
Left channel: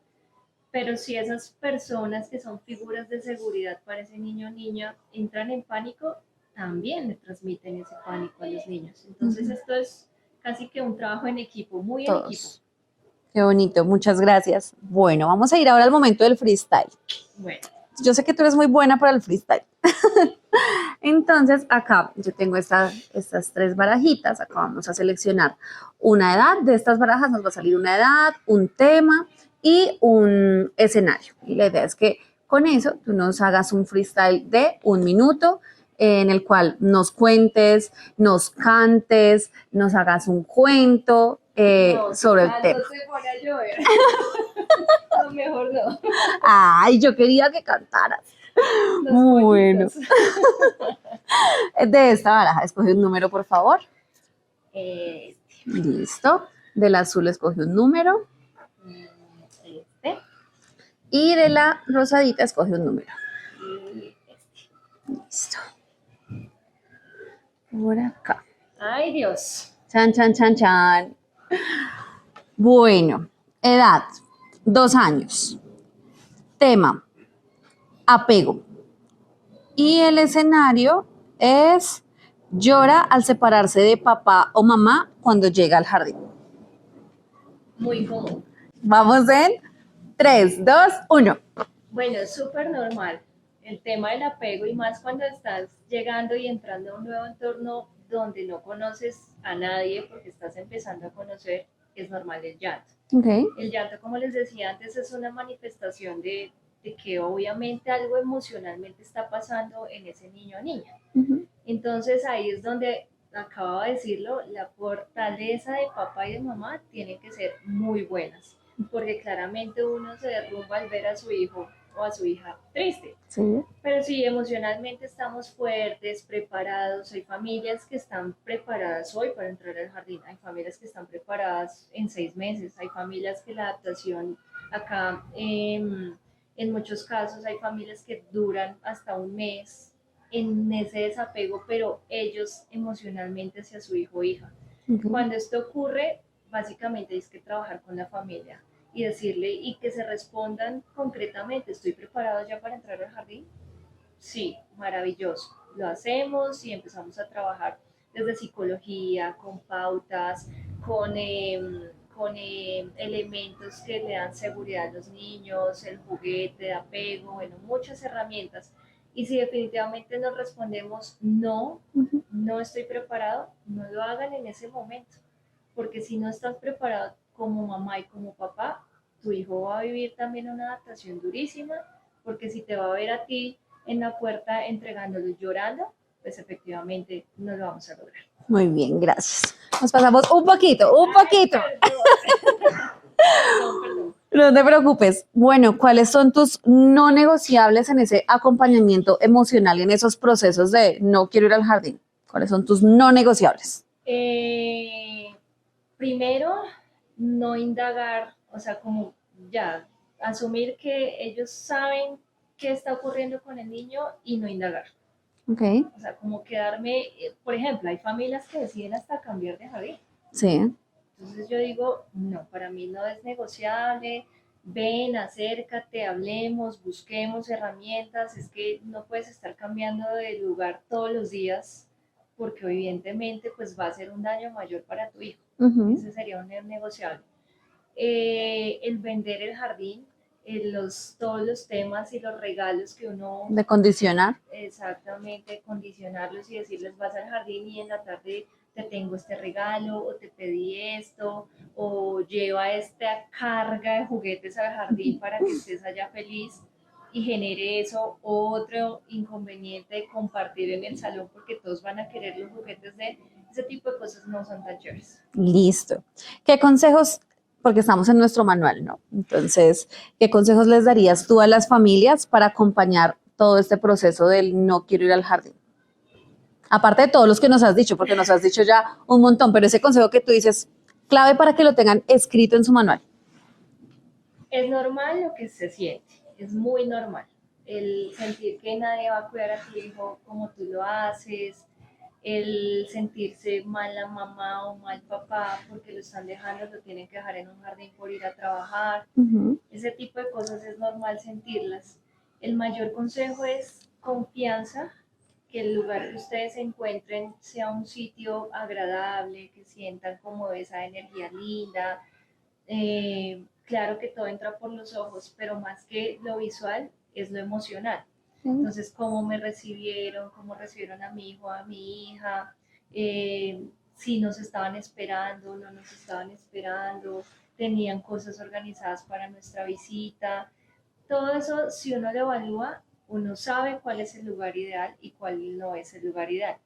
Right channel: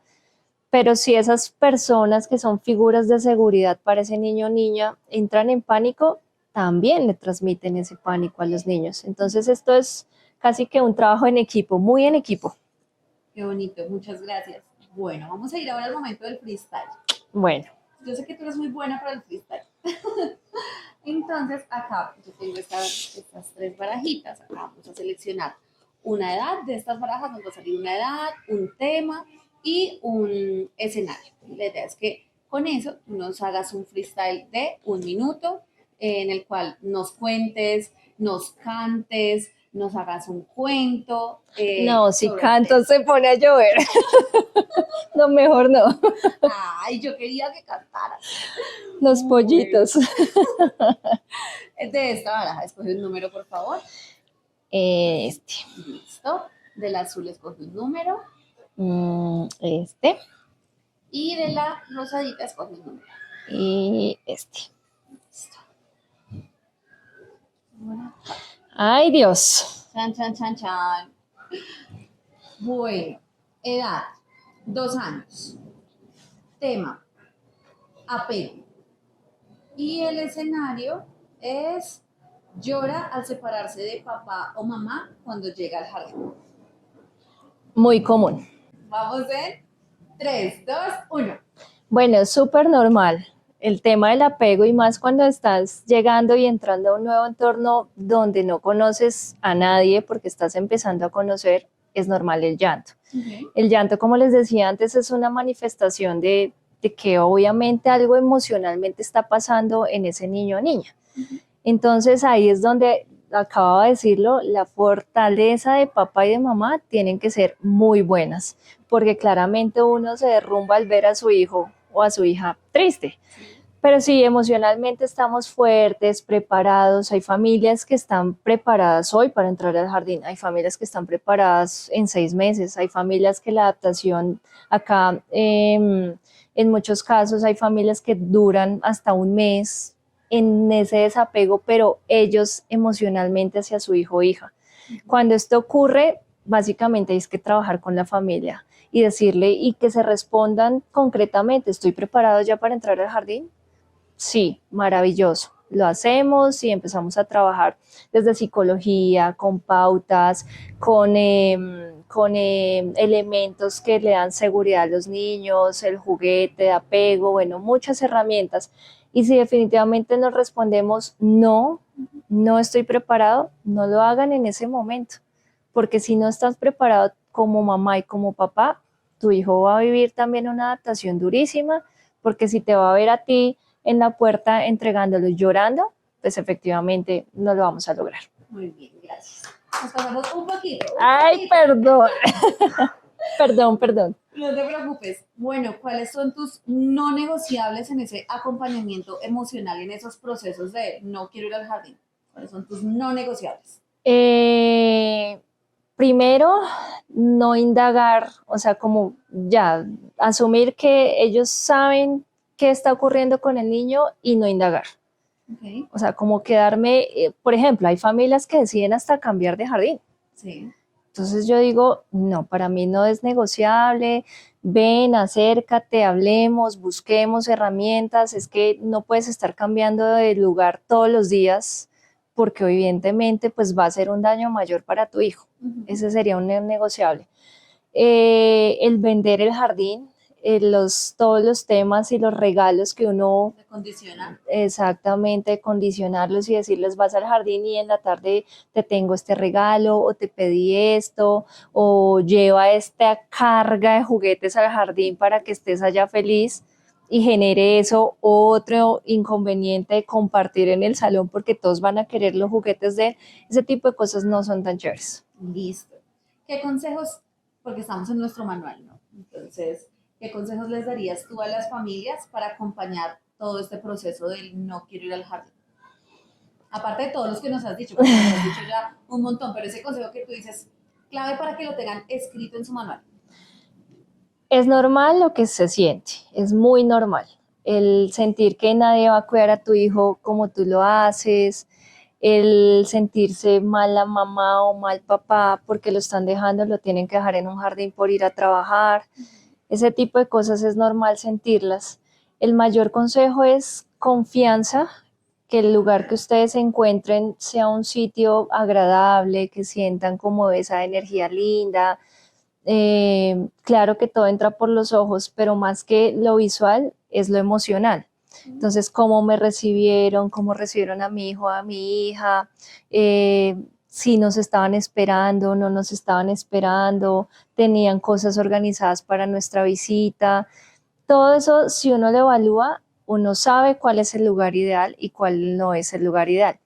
Pero si esas personas que son figuras de seguridad para ese niño o niña entran en pánico, también le transmiten ese pánico a los niños. Entonces esto es casi que un trabajo en equipo, muy en Todos. equipo. Qué bonito, muchas gracias. Bueno, vamos a ir ahora al momento del freestyle. Bueno, Yo sé que tú eres muy buena para el freestyle. Entonces, acá yo tengo estas 3 barajitas. Acá vamos a seleccionar una edad. De estas barajas nos va a salir una edad, un tema y un escenario. Y la idea es que con eso tú nos hagas un freestyle de 1 minuto en el cual nos cuentes, nos cantes, nos hagas un cuento no, si sobre el canto tema. se pone a llover. No, mejor no. Ay, yo quería que cantaras. Los Bueno. pollitos. De esta baraja, escoge un número, por favor. Este, Listo. Del azul escoge un número. este Y de la rosadita escoge un número. y este. Listo. Por acá. Ay, Dios. Chan, chan, chan, chan. Bueno, edad, 2 años. Tema, apego. Y el escenario es llora al separarse de papá o mamá cuando llega al jardín. Muy común. Vamos en 3, 2, 1. Bueno, es súper normal el tema del apego y más cuando estás llegando y entrando a un nuevo entorno donde no conoces a nadie porque estás empezando a conocer, es normal el llanto. Okay. El llanto, como les decía antes, es una manifestación de que obviamente algo emocionalmente está pasando en ese niño o niña. Entonces ahí es donde, acababa de decirlo, la fortaleza de papá y de mamá tienen que ser muy buenas, porque claramente uno se derrumba al ver a su hijo o a su hija triste. Sí. Pero sí, emocionalmente estamos fuertes, preparados. Hay familias que están preparadas hoy para entrar al jardín, hay familias que están preparadas en 6 meses, hay familias que la adaptación acá, en muchos casos, hay familias que duran hasta 1 mes en ese desapego, pero ellos emocionalmente hacia su hijo o hija. Cuando esto ocurre, básicamente hay que trabajar con la familia y decirle y que se respondan concretamente, ¿estoy preparado ya para entrar al jardín? Sí, maravilloso. Lo hacemos y empezamos a trabajar desde psicología, con pautas, con elementos que le dan seguridad a los niños, el juguete de apego, bueno, muchas herramientas. Y si definitivamente nos respondemos no, no estoy preparado, no lo hagan en ese momento, porque si no estás preparado como mamá y como papá, tu hijo va a vivir también una adaptación durísima, porque si te va a ver a ti en la puerta entregándolo llorando, pues efectivamente no lo vamos a lograr. Muy bien, gracias. Nos pasamos un poquito. Perdón. Perdón. No te preocupes. Bueno, ¿cuáles son tus no negociables en ese acompañamiento emocional y en esos procesos de no quiero ir al jardín? ¿Cuáles son tus no negociables? Primero, no indagar, o sea, como ya asumir que ellos saben qué está ocurriendo con el niño y no indagar. Ok, O sea, como quedarme, por ejemplo, hay familias que deciden hasta cambiar de jardín. sí. Entonces yo digo, no, para mí no es negociable, ven, acércate, hablemos, busquemos herramientas, es que no puedes estar cambiando de lugar todos los días porque evidentemente pues va a ser un daño mayor para tu hijo. Ujú. Ese sería un negociable. El vender el jardín, todos los temas y los regalos que uno De condicionar. exactamente condicionarlos y decirles vas al jardín y en la tarde te tengo este regalo o te pedí esto o lleva esta carga de juguetes al jardín para que estés allá feliz y genere eso otro inconveniente de compartir en el salón porque todos van a querer los juguetes de él. Ese tipo de cosas no son tan chéveres. Listo. ¿Qué consejos, porque estamos en nuestro manual, ¿no? Entonces, ¿qué consejos les darías tú a las familias para acompañar todo este proceso del no quiero ir al jardín? Aparte de todos los que nos has dicho, porque nos has dicho ya un montón, pero ese consejo que tú dices, clave para que lo tengan escrito en su manual. Es normal lo que se siente, es muy normal. El sentir que nadie va a cuidar a tu hijo como tú lo haces, el sentirse mal la mamá o mal papá porque lo están dejando, lo tienen que dejar en un jardín por ir a trabajar. Ese tipo de cosas es normal sentirlas. El mayor consejo es confianza, que el lugar que ustedes se encuentren sea un sitio agradable, que sientan como esa energía linda. Claro que todo entra por los ojos, pero más que lo visual es lo emocional. Entonces, cómo me recibieron, cómo recibieron a mi hijo, a mi hija, si nos estaban esperando, no nos estaban esperando, tenían cosas organizadas para nuestra visita. Todo eso, si uno lo evalúa, uno sabe cuál es el lugar ideal y cuál no es el lugar ideal.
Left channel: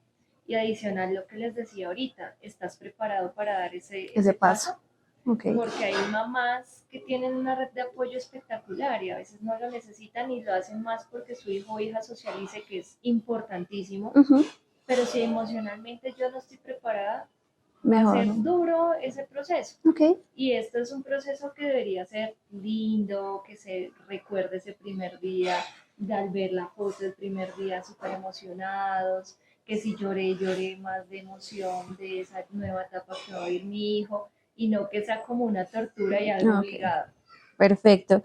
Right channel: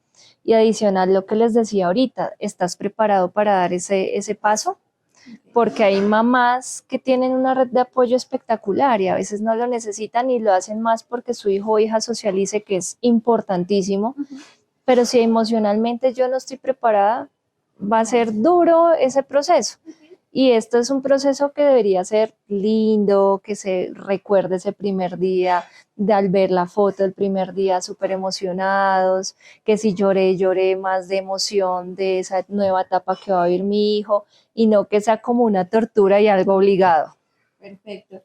Y adicional, lo que les decía ahorita, ¿estás preparado para dar ese paso? Okay. Porque hay mamás que tienen una red de apoyo espectacular y a veces no lo necesitan y lo hacen más porque su hijo o hija socialice, que es importantísimo, pero si emocionalmente yo no estoy preparada, va a ser duro ese proceso. Okay. Y esto es un proceso que debería ser lindo, que se recuerde ese primer día, de al ver la foto del primer día súper emocionados, que si lloré más de emoción de esa nueva etapa que va a vivir mi hijo, y no que sea como una tortura y algo obligado. Perfecto.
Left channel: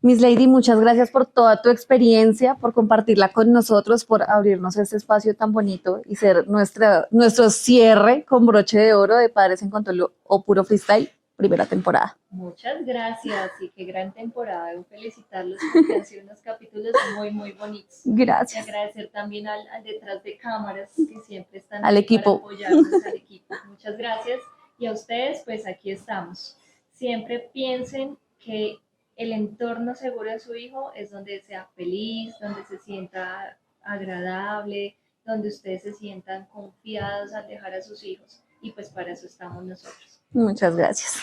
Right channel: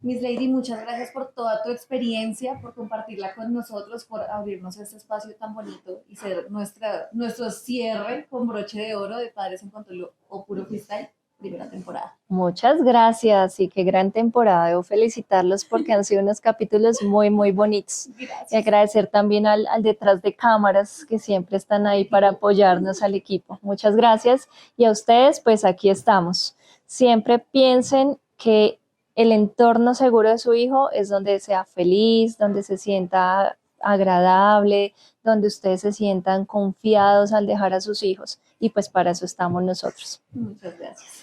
Miss Lady, muchas gracias por toda tu experiencia, por compartirla con nosotros, por abrirnos este espacio tan bonito y ser nuestro cierre con broche de oro de Padres en Control o Puro Freestyle, primera temporada. Muchas gracias y qué gran temporada. Debo felicitarlos porque han sido unos capítulos muy, muy bonitos. Gracias. Y agradecer también al detrás de cámaras que siempre están ahí para apoyarnos al equipo. Muchas gracias. Y a ustedes, pues aquí estamos. Siempre piensen que el entorno seguro de su hijo es donde sea feliz, donde se sienta agradable, donde ustedes se sientan confiados al dejar a sus hijos. Y pues para eso estamos nosotros. Muchas gracias.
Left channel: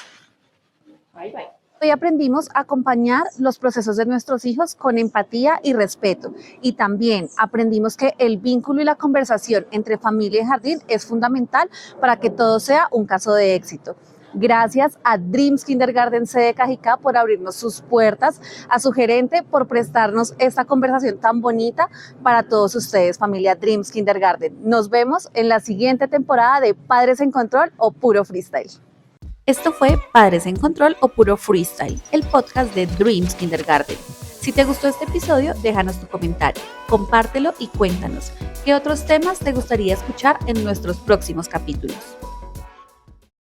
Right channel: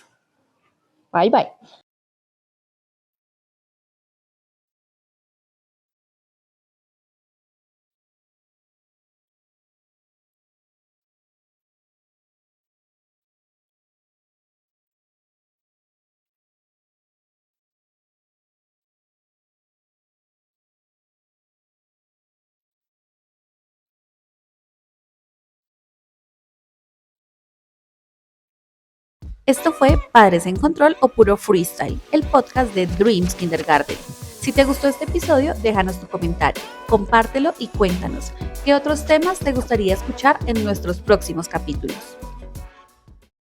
Bye, bye. Hoy aprendimos a acompañar los procesos de nuestros hijos con empatía y respeto. Y también aprendimos que el vínculo y la conversación entre familia y jardín es fundamental para que todo sea un caso de éxito. Gracias a Dreams Kindergarten sede Cajicá por abrirnos sus puertas, a su gerente por prestarnos esta conversación tan bonita para todos ustedes, familia Dreams Kindergarten. Nos vemos en la siguiente temporada de Padres en Control o Puro Freestyle. Esto fue Padres en Control o Puro Freestyle, el podcast de Dreams Kindergarten. Si te gustó este episodio, déjanos tu comentario, compártelo y cuéntanos qué otros temas te gustaría escuchar en nuestros próximos capítulos.